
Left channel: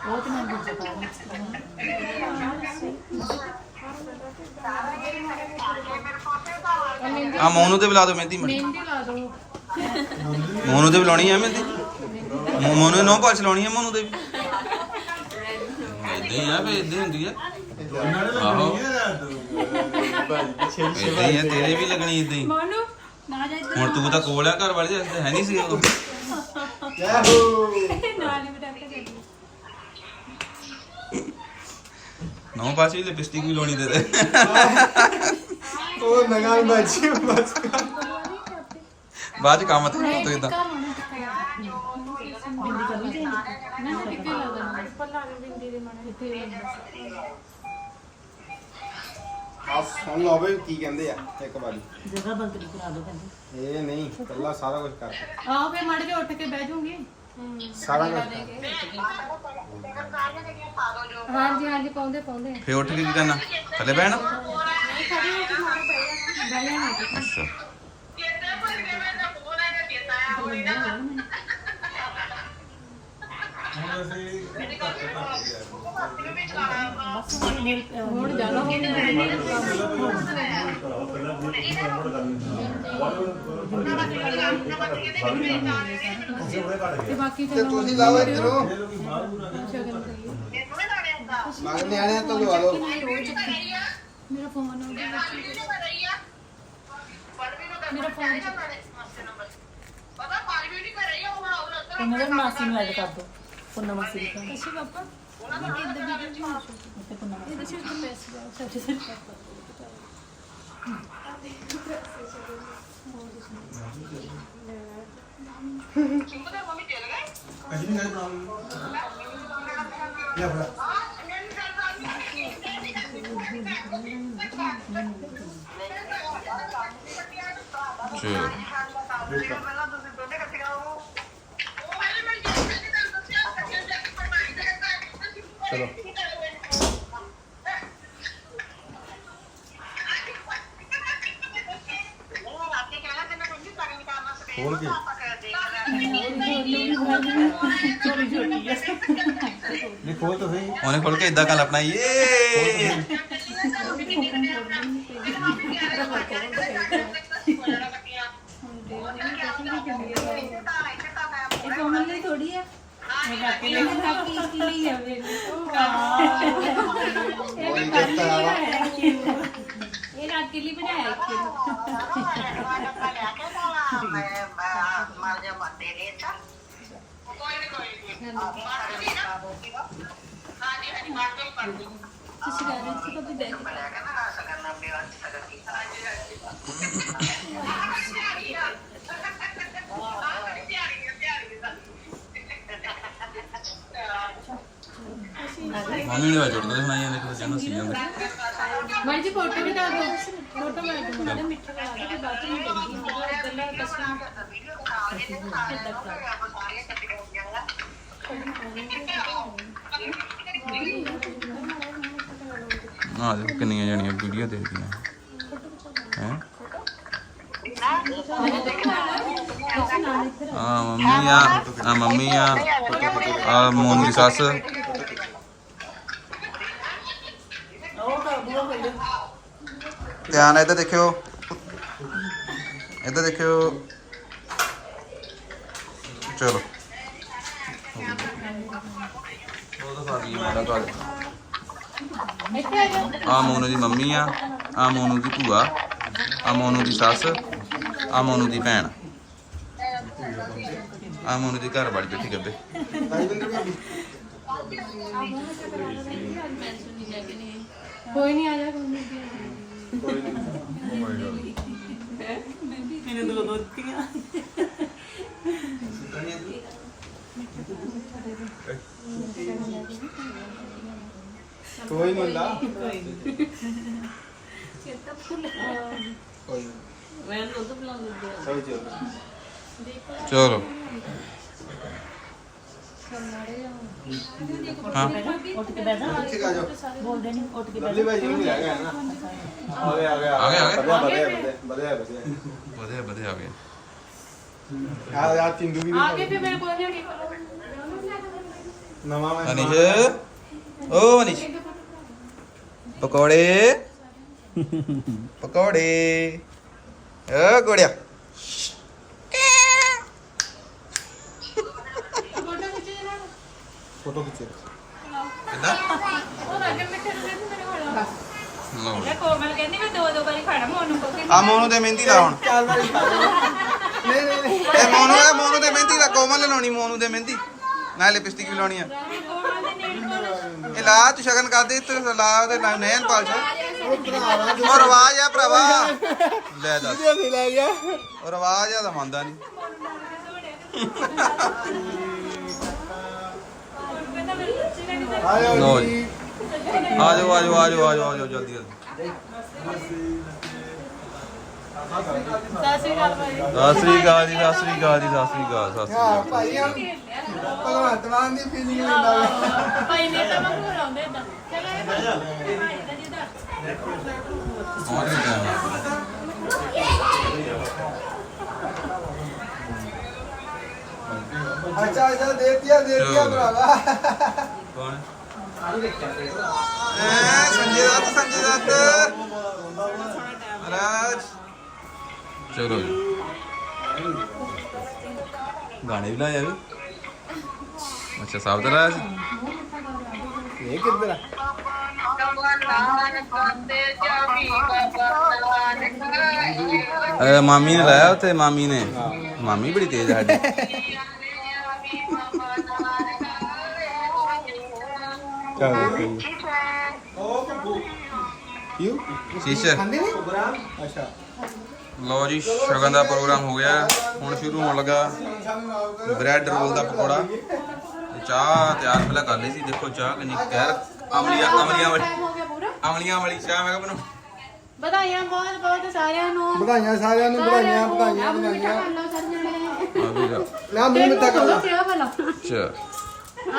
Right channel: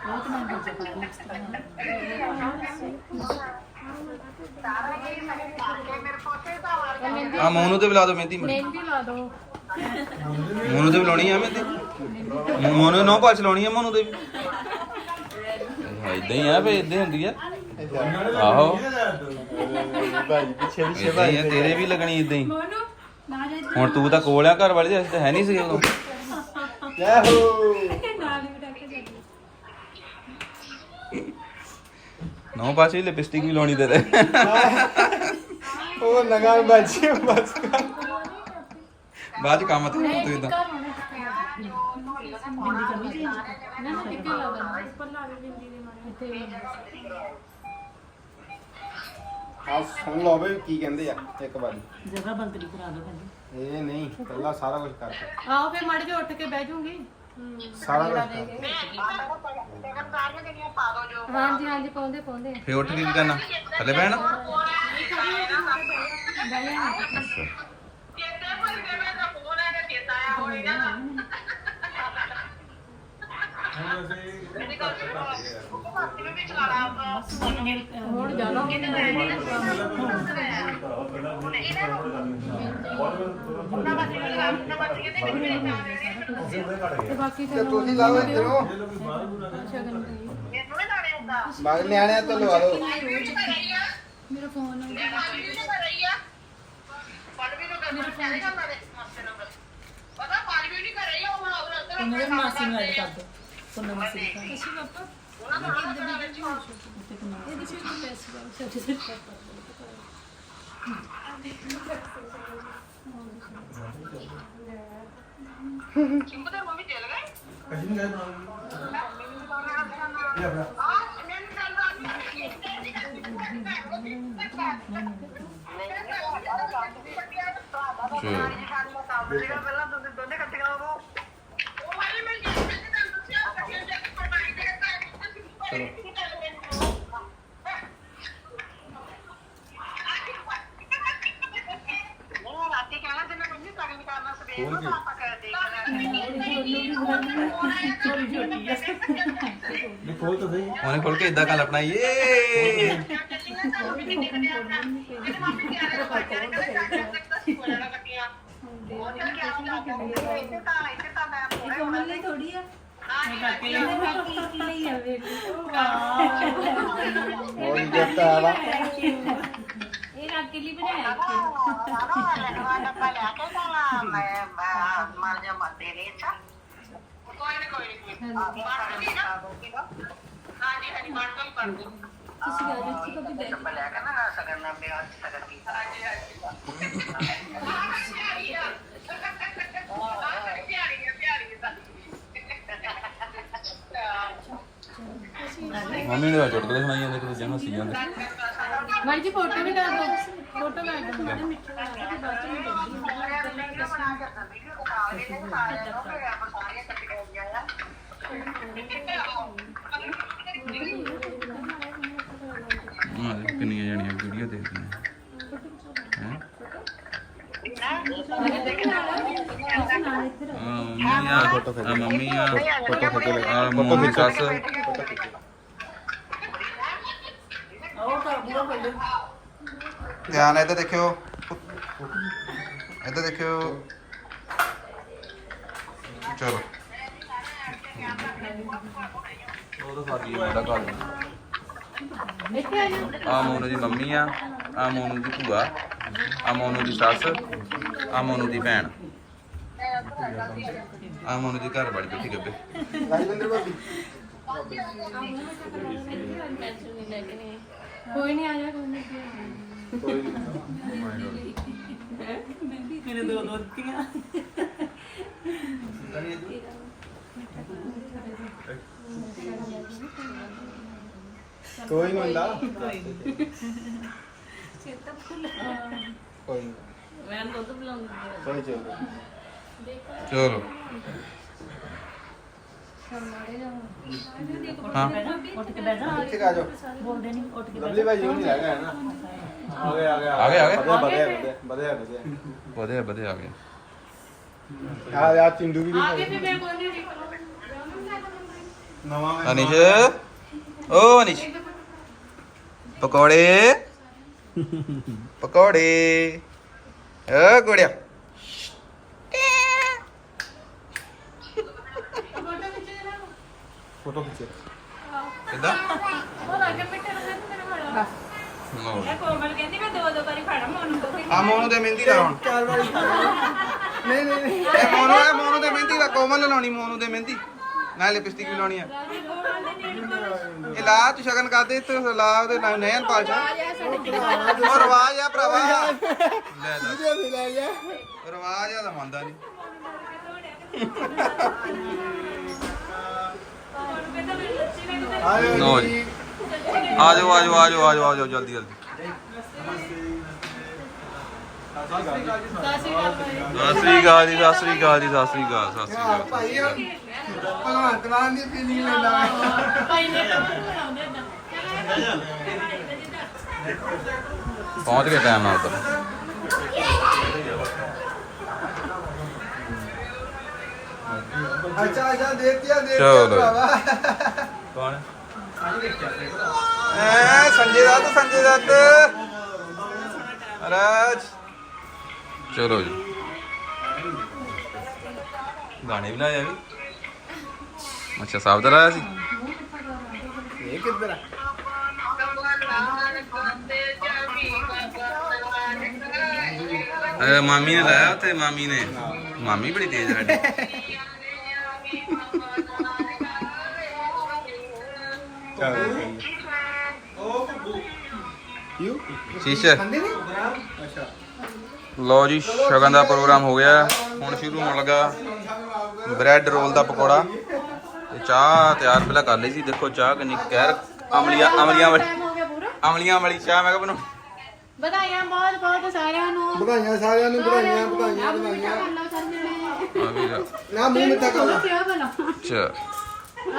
ਬਹੁਤ ਮਨ ਹੋ। ਜਾਦਾ ਆ ਮੋਨੂ ਤੇ ਵੀ ਲਾ ਦਿਓ ਮਹਿੰਦੀ ਮੜੀ। ਮਹਿੰਦੀ ਲਾ ਦੋ ਮੋਨੂ ਤੇ ਵੀ ਲਾਉਣੀ ਆ ਮਹਿੰਦੀ? ਮੋ- ਮੋਨੂ ਨੋ ਪਾਸ ਲਾਉਣੀ ਆ ਮੋਨੂ ਤੇ ਵੀ? ਇਦਾਂ ਹੀ ਆ ਭਈ ਇਦਾਂ ਹੁੰਦੀ ਆ। ਆਹੋ। ਇਦਾਂ ਹੀ ਆ ਤੇਰੇ ਵੀ ਲੱਗਣੀ ਇਦਾਂ ਹੀ। ਮੋਨੂ ਨਾ ਜਾ ਹੁਣ ਤੂੰ ਤਾਂ ਕੋਲ ਆ ਘਰ ਵਾਲੀ ਦੇ ਹੈ ਨਹੀਂ ਸੀ ਉਦੋਂ ਯਾਹੂ ਨਾਲ ਹੀ ਬਟਾ ਕੇ ਨੋ ਪਾਸ ਵੀ ਲਿਪਸਟਿਕ ਵੀ ਲਾਉਣੀ ਤੇਰੇ। ਉਹ ਨਗਾਈ ਬਾਜੀ ਬਸ ਬਾਅਦ ਚ ਕੰਮ ਤੇ ਤੂੰ ਇਦਾਂ ਨਾ ਨਾ ਕਿੱਥੇ ਲਾ ਦੇਣਾ? ਉੱਪਰ ਲਾ ਦੇ ਬਿੰਦੀ ਦੇ ਮਾਣੇ ਇੱਥੇ ਆ ਸੁਣ ਲਓ ਬਈ ਕੀ ਕਹਿੰਦੇ ਆ ਇੱਕ ਵਾਰੀ। ਜਗ੍ਹਾ ਬੰਤਰੀ ਕਰਾ ਦੋ ਕਹਿੰਦੇ ਇਹ ਨਹੀਂ ਪਹਿਲਾਂ ਸਾਰਾ ਕੁਝ ਕਰ। ਆਓ ਫੇ ਮੜ ਕੇ ਉੱਠ ਕੇ ਬਹਿ ਜੂਗੀ ਸਾਰਾ ਹਾਂਜੀ ਹਾਂਜੀ ਪਾਉਂਦੇ ਪਾਉਂਦੇ। ਫੇ ਉੱਠ ਕੇ ਕੀ ਕਰਨਾ? ਥੱਲੇ ਬਹਿਣਾ? ਬਹਿ ਜਾਣਾ ਅੱਛਾ ਹੁਣ ਜਾਣਾ ਤੇ ਬਾਕੀ ਤੇ ਤੁਸੀਂ ਲਾਓ ਇਧਰੋਂ। ਸ਼ਗਨ ਕਰੀਏ। ਮਾਰ ਨਿਆਣਿਆਂ ਤੋਂ ਲਵਾ ਲਓ। ਮੇਰਾ ਫੋਨ ਆ ਉਹਨਾਂ ਨੂੰ ਐਡ ਕਰ ਪੁੰਨਾ ਮਾਸੀ ਦੀ ਕਹਿੰਦੇ ਅੱਛਾ ਪਾਪਾ ਉੱਤੇ ਪੁੰਨਾ ਮਾਸੀ ਇਹਦੇ ਚ ਇੱਕ ਪੈਸੇ ਦਾ। ਸਾਡੇ ਸਿਰ ਪਾਪਾ ਇਹ ਫੜਾ ਚਲੋ ਚਲੋ ਹੋਰ ਕੀ ਇਹ ਖੋਲ ਤਾਂ ਸਹੀ ਉਹਨੇ ਖੋਲ ਕੇ ਇਦਾਂ ਗੱਲ ਆਪਣਾ ਥੋੜੀ ਆ ਇਹ ਕਾਕੇ ਲਈ ਕਾਕੇ ਲਈ ਹੈ ਵੇ ਇਹ ਕਾਕੇ ਲਈ ਹੈ ਇਹ ਕਾਕੇ ਲਈ ਬਣਾਇਆ ਕਿ ਤੁਸੀਂ ਗੱਲ ਵਿੱਚ ਕਦੇ ਬੈਠ ਮੰਮੀ ਨੇ ਵਾਜੜ ਦੇ ਸੁਣਾਈਆਂ ਲੈ ਕੇ ਬੱਚਿਆਂ ਨੂੰ ਸੀ ਜਾਂਦੇ ਮਾਈ ਜੀ ਫੋਟੋ ਵੀ ਡਾਲ ਦੋ ਫੋਟੋ ਮੈਂ ਦੋ ਮਿੱਠੇ ਲਾ ਕੇ ਬਾਅਦ ਨਹੀਂ ਕਰਦੀ ਗੱਲਾਂ ਕਸ਼ਮੀਰ ਹਾਂ ਦੇਖੋ ਕਿੰਨੀਆਂ ਜਣੀਆਂ ਵੀਡੀਓ ਦੇਖਦੀਆਂ। ਹੈ? ਆ ਮੰਮੀ ਆ ਆ ਮੰਮੀ ਆ ਆ ਮੋਨੀ ਸੱਸ। ਧਿਆਨ ਨਾਲ ਇੱਧਰ ਦੇਖਿਓ। ਇੱਧਰ ਦੇਖਿਓ। ਚਲੋ। ਉਹ ਤਾਂ ਸਾਡੀ ਮਾੜਾ ਗੱਲ। ਇੱਥੇ ਆ ਜਾਓ। ਆ ਮੋਨੂ ਦੀ ਮੰਮੀ ਆ ਆ ਮੋਨੂ ਦੀ ਭੂਆ ਆ ਮੋਨੂ ਦੀ ਸੱਸ ਆ ਮੋਨੂ ਦੀ ਭੈਣ। ਆ ਮੋਨੂ ਦੀ ਘਰ ਵਾਲੀ ਬੈਠੀ ਗੱਬੇ। ਕੋਈ ਨਹੀਂ ਆ ਜਾ ਕੋਈ ਨਹੀਂ ਦੋ ਦੋ ਦਿੱਤੀਆਂ। ਕੋਈ ਨਹੀਂ ਹੁੰਦਾ। ਮੈਂ ਦੁੱਧ ਪਿਲਾਉਂਦੀ ਸਹੀ ਚੱਲ। ਚਲੋ ਹਾਂ। ਉੱਠ ਕੇ ਬੈਠ ਜਾ। ਠੀਕ ਆ ਜਾਓ। ਬੋਲਦੇ ਨਹੀਂ ਉੱਠ ਕੇ ਬੈਠ ਭਾਈ ਜੀ ਨਹੀਂ ਲੱਗ ਗਿਆ ਨਾ। ਆਗੇ ਆਗੇ ਆ ਗਏ, ਆ ਗਏ? ਵਧੀਆ ਵਧੀਆ ਵਧੀਆ ਵਧੀਆ। ਆ ਗਏ। ਆ ਯਾ ਤਿੰਦੂ ਵੀ ਆਗੇ ਫਿਰ ਮੇਰੇ ਕੋਲ। ਜਿਹੜੀ ਨਵਾਂ ਅਨਿਸ਼? ਓ ਅਨਿਸ਼। ਪਕੌੜੇ। ਪਕੌੜੇ। ਓ ਗੋੜਿਆ। ਫੋਟੋ ਖਿੱਚੋ। ਕਿੱਦਾਂ? ਨੂੰ ਲਓ ਜੀ। ਮੋਨੂੰ ਤੋਂ ਆ ਮੋਨੂ ਦੇ ਮਹਿੰਦੀ ਲਾ ਹੁਣ। ਚਾਰ ਵਾਰੀ ਨਹੀਂ ਨਹੀਂ ਨਹੀਂ। ਇਹ ਮੋਨੂ ਇਹ ਮੋਨੂ ਦੇ ਮਹਿੰਦੀ ਲਾ। ਕੋਮਲ ਲਾਉਣੀ ਮੋਨੂ ਦੇ ਮਹਿੰਦੀ। ਨਾਲ ਲਿਪਸਟਿਕ ਵੀ ਲਾਉਣੀ ਆ। ਲਾ ਤੂੰ ਸ਼ਗਨ ਕਰ ਦੇ ਤੇ ਲਾ ਉਹਦੇ ਨਾਲ ਨੈਣ ਪਾਲਸ਼ਾ ਉਹ ਰਵਾਜ ਆ ਭਰਾਵਾ। ਲੈ ਦੱਸ। ਨਹੀਂ ਲੈ ਗਿਆ। ਰਵਾਜ ਆ ਤਾਂ ਮੰਨਦਾ ਨਹੀਂ। ਆ ਜਾਓ ਲਓ ਜੀ। ਆ ਜਾਓ ਆ ਜਾਓ ਆ ਜਾਓ ਆ ਜਾਓ ਆ ਜਾਓ ਜਲਦੀ ਜਲਦੀ। ਸਤਿ ਸ਼੍ਰੀ ਅਕਾਲ ਭਾਈ ਸਤਿ ਸ੍ਰੀ ਅਕਾਲ ਜੀ ਸਤਿ ਸ੍ਰੀ ਅਕਾਲ ਜੀ ਸਤਿ ਸ੍ਰੀ ਅਕਾਲ ਸਤਿ ਸ੍ਰੀ ਅਕਾਲ। ਭਾਈ ਆ ਭਗਵੰਤ ਮਾਨ ਦੀ ਫੀਲਿੰਗ ਲੈਂਦਾ ਵਾ ਭਾਈ ਨੇ ਤਾਂ ਮੈਨੂੰ ਆਉਂਦੇ ਇਦਾਂ ਪਹੁੰਚ ਗਏ ਟਾਈਮ ਨਾਲ। ਅੱਛਾ ਅੱਛਾ ਦੇਖਿਆ ਦੇਖਿਆ ਚਲੋ। ਭਰਾਵਾ। ਕੌਣ ਐ ਸੰਜੇ ਦੱਤ ਸੰਜੇ ਦੱਤ। ਮਹਾਰਾਜ ਚਲੋ ਜੀ। ਗਾਣੇ ਵੀ ਲਾਇਆ ਵੀ ਅੱਛਾ ਸਾਬ ਦਾ ਲਾਇਆ ਸੀ? ਇਹ ਕਿੱਧਰ ਆ? ਅਰੇ ਮਾਮੀ ਨੇ ਲਾਇਆ ਉੱਥੇ ਮਾਮੀ ਨੇ। ਮਾਮੀ ਬੜੀ ਤੇਜ਼ ਆ ਸਾਡੀ। ਯੂ ਸ਼ੀਸ਼ੇ। ਅੱਛਾ। ਲਓ ਜੀ ਸ਼ਗਨ ਦਾ ਪ੍ਰੋਗਰਾਮ ਹੋ ਗਿਆ। ਹੁਣ ਸ਼ੁਰੂ ਹੋਣ ਲੱਗਾ ਬ੍ਰੈਡ ਰੋਲ ਦਾ ਪਕੌੜਾ। ਤੇ ਚਾਹ ਤਿਆਰ ਪਹਿਲਾਂ ਕਰ ਲਈ ਸੀ। ਦੇਖੋ ਚਾਹ ਕਿੰਨੀ ਕਹਿਰ ਅਮਲੀਆਂ ਅਮਲੀਆਂ ਵਾਲੀ ਅਮਲੀਆਂ ਵਾਲੀ ਚਾਹ ਮੈਂ ਕਿਹਾ ਬਣਾ ਵਧਾਈਆਂ ਬਹੁਤ ਬਹੁਤ ਸਾਰਿਆਂ ਨੂੰ। ਵਧਾਈਆਂ ਸਾਰਿਆਂ ਨੂੰ ਵਧਾਈਆਂ ਵਧਾਈਆਂ ਵਧਾਈਆਂ। ਆ ਵੀ ਜਾ ਨਾ ਮੂੰਹ ਮਿੱਠਾ ਕਰ ਲੈ। ਅੱਛਾ।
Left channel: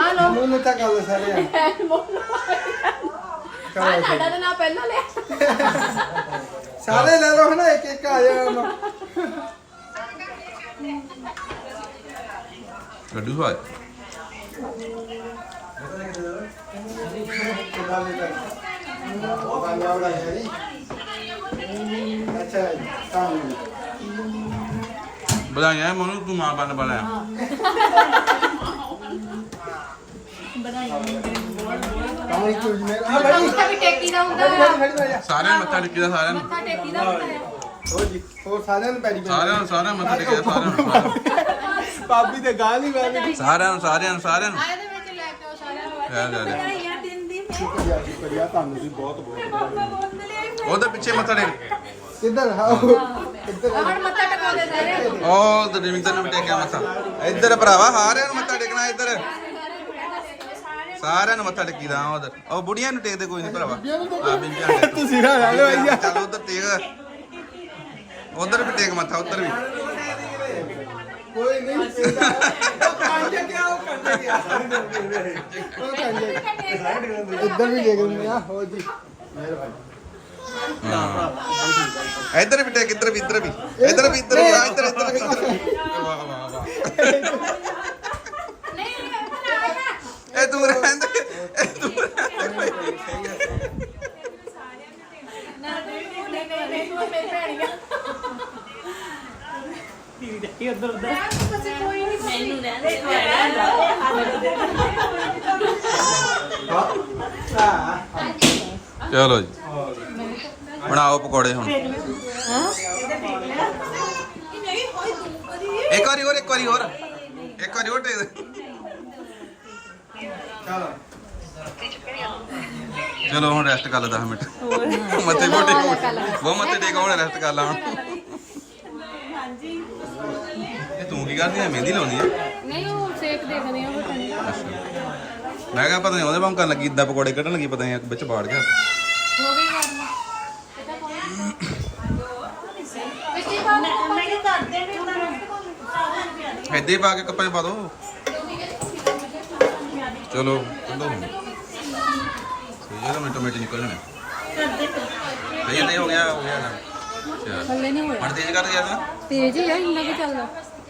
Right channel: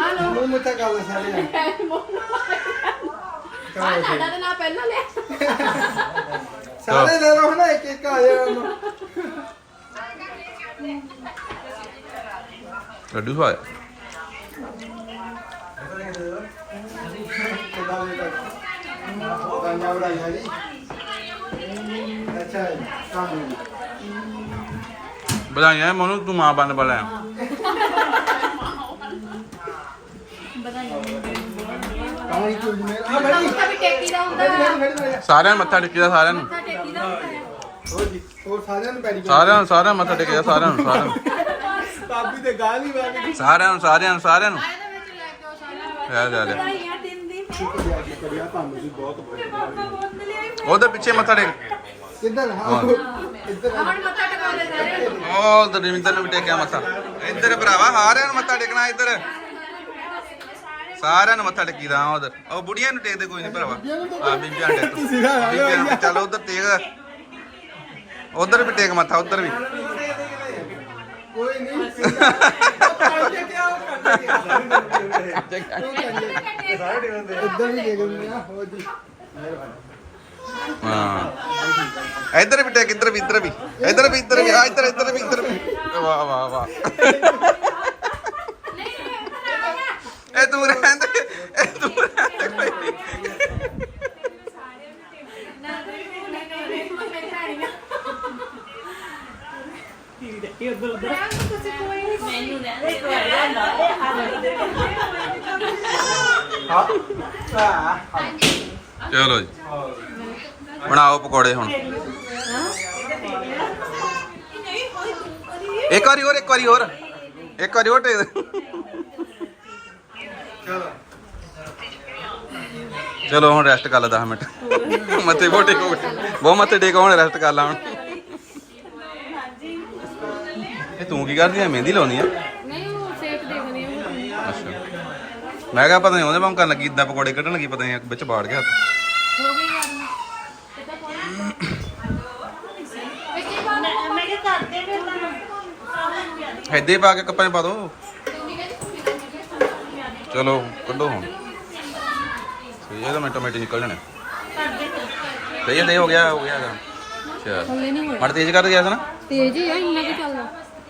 ਆ ਲਓ। ਮੂੰਹ ਮਿੱਠਾ ਕਰ ਲੈ ਸਾਰਿਆਂ ਆ ਸਾਡਾ ਤਾਂ ਨਾਂ ਪਹਿਲਾਂ ਲੈ ਸਾਰੇ ਲੈ ਲਓ ਹੁਣ ਇੱਕ ਇੱਕ ਆ ਜਾਓ ਹੁਣ। ਲੱਡੂ ਖਾ ਵਧਾਈਆਂ ਵਧਾਈਆਂ ਜੀ ਅੱਛਾ ਕੰਮ ਵਧਾਈਆਂ ਮਨੂੰ ਤੂੰ ਮਾਂ ਬਣ ਵਾਲਾ ਹੈ ਕੰਮ ਹੀ ਕੁਝ ਨਹੀਂ। ਆ ਬੜੀ ਮੱਥਾ ਵੀ ਟੇਕੀ ਦਾ ਹੁੰਦਾ। ਬੜੀ ਬੜੀ ਬੜੀ ਸਾਰਿਆਂ ਨੂੰ ਮੱਥਾ ਟੇਕੀਦਾ ਸਾਰਿਆਂ ਨੂੰ। ਮੱਥਾ ਟੇਕੀ ਦਾ ਹੁੰਦਾ ਹੈ। ਹੋ ਜੀ ਹੋਰ ਸਾਰਿਆਂ ਨੂੰ ਪੈਰੀ ਸਾਰਿਆਂ ਨੂੰ ਸਾਰਿਆਂ ਨੂੰ ਮੱਥਾ ਟੇਕੀਦਾ ਸਾਰਿਆਂ ਨੂੰ ਸਾਰਿਆਂ ਨੂੰ। ਭਾਬੀ ਤੇ ਗਾਲ ਹੀ ਮਾਰਦੀ ਸਾਰਿਆਂ ਨੂੰ ਸਾਰਿਆਂ ਨੂੰ ਸਾਰਿਆਂ ਨੂੰ। ਇਹਦੇ ਵਿੱਚ ਲੈ ਕੇ ਆਓ ਸਾਰਿਆਂ ਨੂੰ। ਲੈ ਲੈ ਲੈ। ਵਧਾਈਆਂ ਦਿਨ ਦੀ। ਸ਼ੁਕਰੀਆ ਸ਼ੁਕਰੀਆ ਤੁਹਾਨੂੰ ਵੀ ਬਹੁਤ ਬਹੁਤ। ਉਹਦੇ ਪਿੱਛੇ ਮੱਥਾ ਟੇਕ। ਕਿੱਧਰ? ਹਾਂ। ਕਿੱਧਰ ਆ? ਹੁਣ ਮੱਥਾ ਟੇਕਾ ਦੇ ਸਾਰੇ ਉਹ ਤੇ ਰਵਿੰਦਰ ਨੂੰ ਵੀ ਟੇਕਿਆ ਮੱਥਾ। ਇੱਧਰ ਭਰਾਵਾ ਸਾਰਿਆਂ ਨੂੰ ਮੱਥਾ ਟੇਕਣਾ ਇੱਧਰ। ਸਾਰਿਆਂ ਨੂੰ ਮੱਥਾ ਟੇਕੀਦਾ ਉਧਰ ਉਹ ਬੁੜੀਆਂ ਨੂੰ ਟੇਕਦੇ ਕੋਈ ਨਹੀਂ ਭਰਾਵਾ। ਆ ਬੀਬੀਆਂ ਨੂੰ ਟੇਕ ਤੁਸੀਂ ਨਾ ਲਾ ਨੂੰ ਚੱਲ ਉਧਰ ਟੇਕ। ਉਧਰ ਵੀ ਟੇਕ ਮੱਥਾ ਉਧਰ ਵੀ। ਕੋਈ ਨਹੀਂ। ਕਰਦੇ ਕਿਆ ਕਰਦੇ ਕਿਆ ਇੱਧਰ ਵੀ ਲੈ ਗਏ ਆ। ਹੋ ਜੀ। ਮਿਹਰਬਾਨੀ ਹਾਂ। ਇੱਧਰ ਵੀ ਟੇਕ ਇੱਧਰ ਵੀ ਇੱਧਰ ਵੀ। ਇੱਧਰ ਵੀ ਇੱਧਰ ਵੀ ਆ ਇੱਧਰ ਇੱਧਰ ਵੀ ਇੱਧਰ ਵੀ। ਵਾਹ ਵਾਹ ਵਾਹ। ਇਹ ਤੂੰ ਰਹਿੰਦੇ, ਇਹ ਤੂੰ ਰਹਿੰਦੇ ਇਹ ਉਧਰ ਉਧਰ ਕੋਈ ਨਹੀਂ। ਮੈਨੂੰ ਲੈ ਦੇ ਚਲੋ ਜੀ। ਬਣਾਓ ਪਕੌੜੇ ਹੁਣ। ਇੱਕ ਵਾਰੀ ਹੋਰ, ਇੱਕ ਵਾਰੀ ਹੋਰ। ਇੱਕ ਵਾਰੀ ਹੋਰ ਟੇਕ ਚਲੋ ਹੁਣ ਰੈਸਟ ਕਰ ਲੈ 10 ਮਿੰਟ। ਮੱਥੇ ਮੋਟੇ ਕੋ ਬਹੁਤ ਮੱਥੇ ਟੇਕ ਹੁਣ ਰੈਸਟ ਕਰ ਲਾ ਹੁਣ। ਇਹ ਤੂੰ ਕੀ ਕਰਦੀ ਐ? ਮਹਿੰਦੀ ਲਾਉਣੀ ਆ ਨਹੀਂ ਉਹ ਸੇਕ ਦੇਖਦੇ ਆ ਬਟਨ ਅੱਛਾ। ਮੈਂ ਕਿਹਾ ਪਤਾ ਨਹੀਂ ਉਹਦੇ ਕਰਨ ਲੱਗੀ ਇਦਾਂ ਪਕੌੜੇ ਕੱਢਣ ਲੱਗੀ ਪਤਾ ਨਹੀਂ ਵਿੱਚ ਬਾੜ ਗਿਆ। ਹੱਥ ਹੋ ਗਈ ਪਾਣੀ ਵਿੱਚ ਹੀ ਪਾ ਕੇ ਕੱਪਾਂ 'ਚ ਪਾ ਦੋ। ਚਲੋ ਕੱਢੋ ਹੁਣ। ਸਹੀ ਹੈ ਤਾਂ ਮਿੰਟੋ ਮਿੰਟ ਨਿਕਲ ਜਾਣੇ। ਸਹੀ ਹੈ ਨਹੀਂ ਹੋ ਗਿਆ ਹੋ ਗਿਆ ਕੰਮ। ਅੱਛਾ। ਥੱਲੇ ਨਹੀਂ ਹੋਇਆ ਮੜ ਤੇਜ਼ ਕਰ ਗਿਆ ਸੀ ਨਾ। ਤੇਜ਼ ਹੀ ਆ ਇੰਨਾ ਕਿ ਚੱਲਦਾ।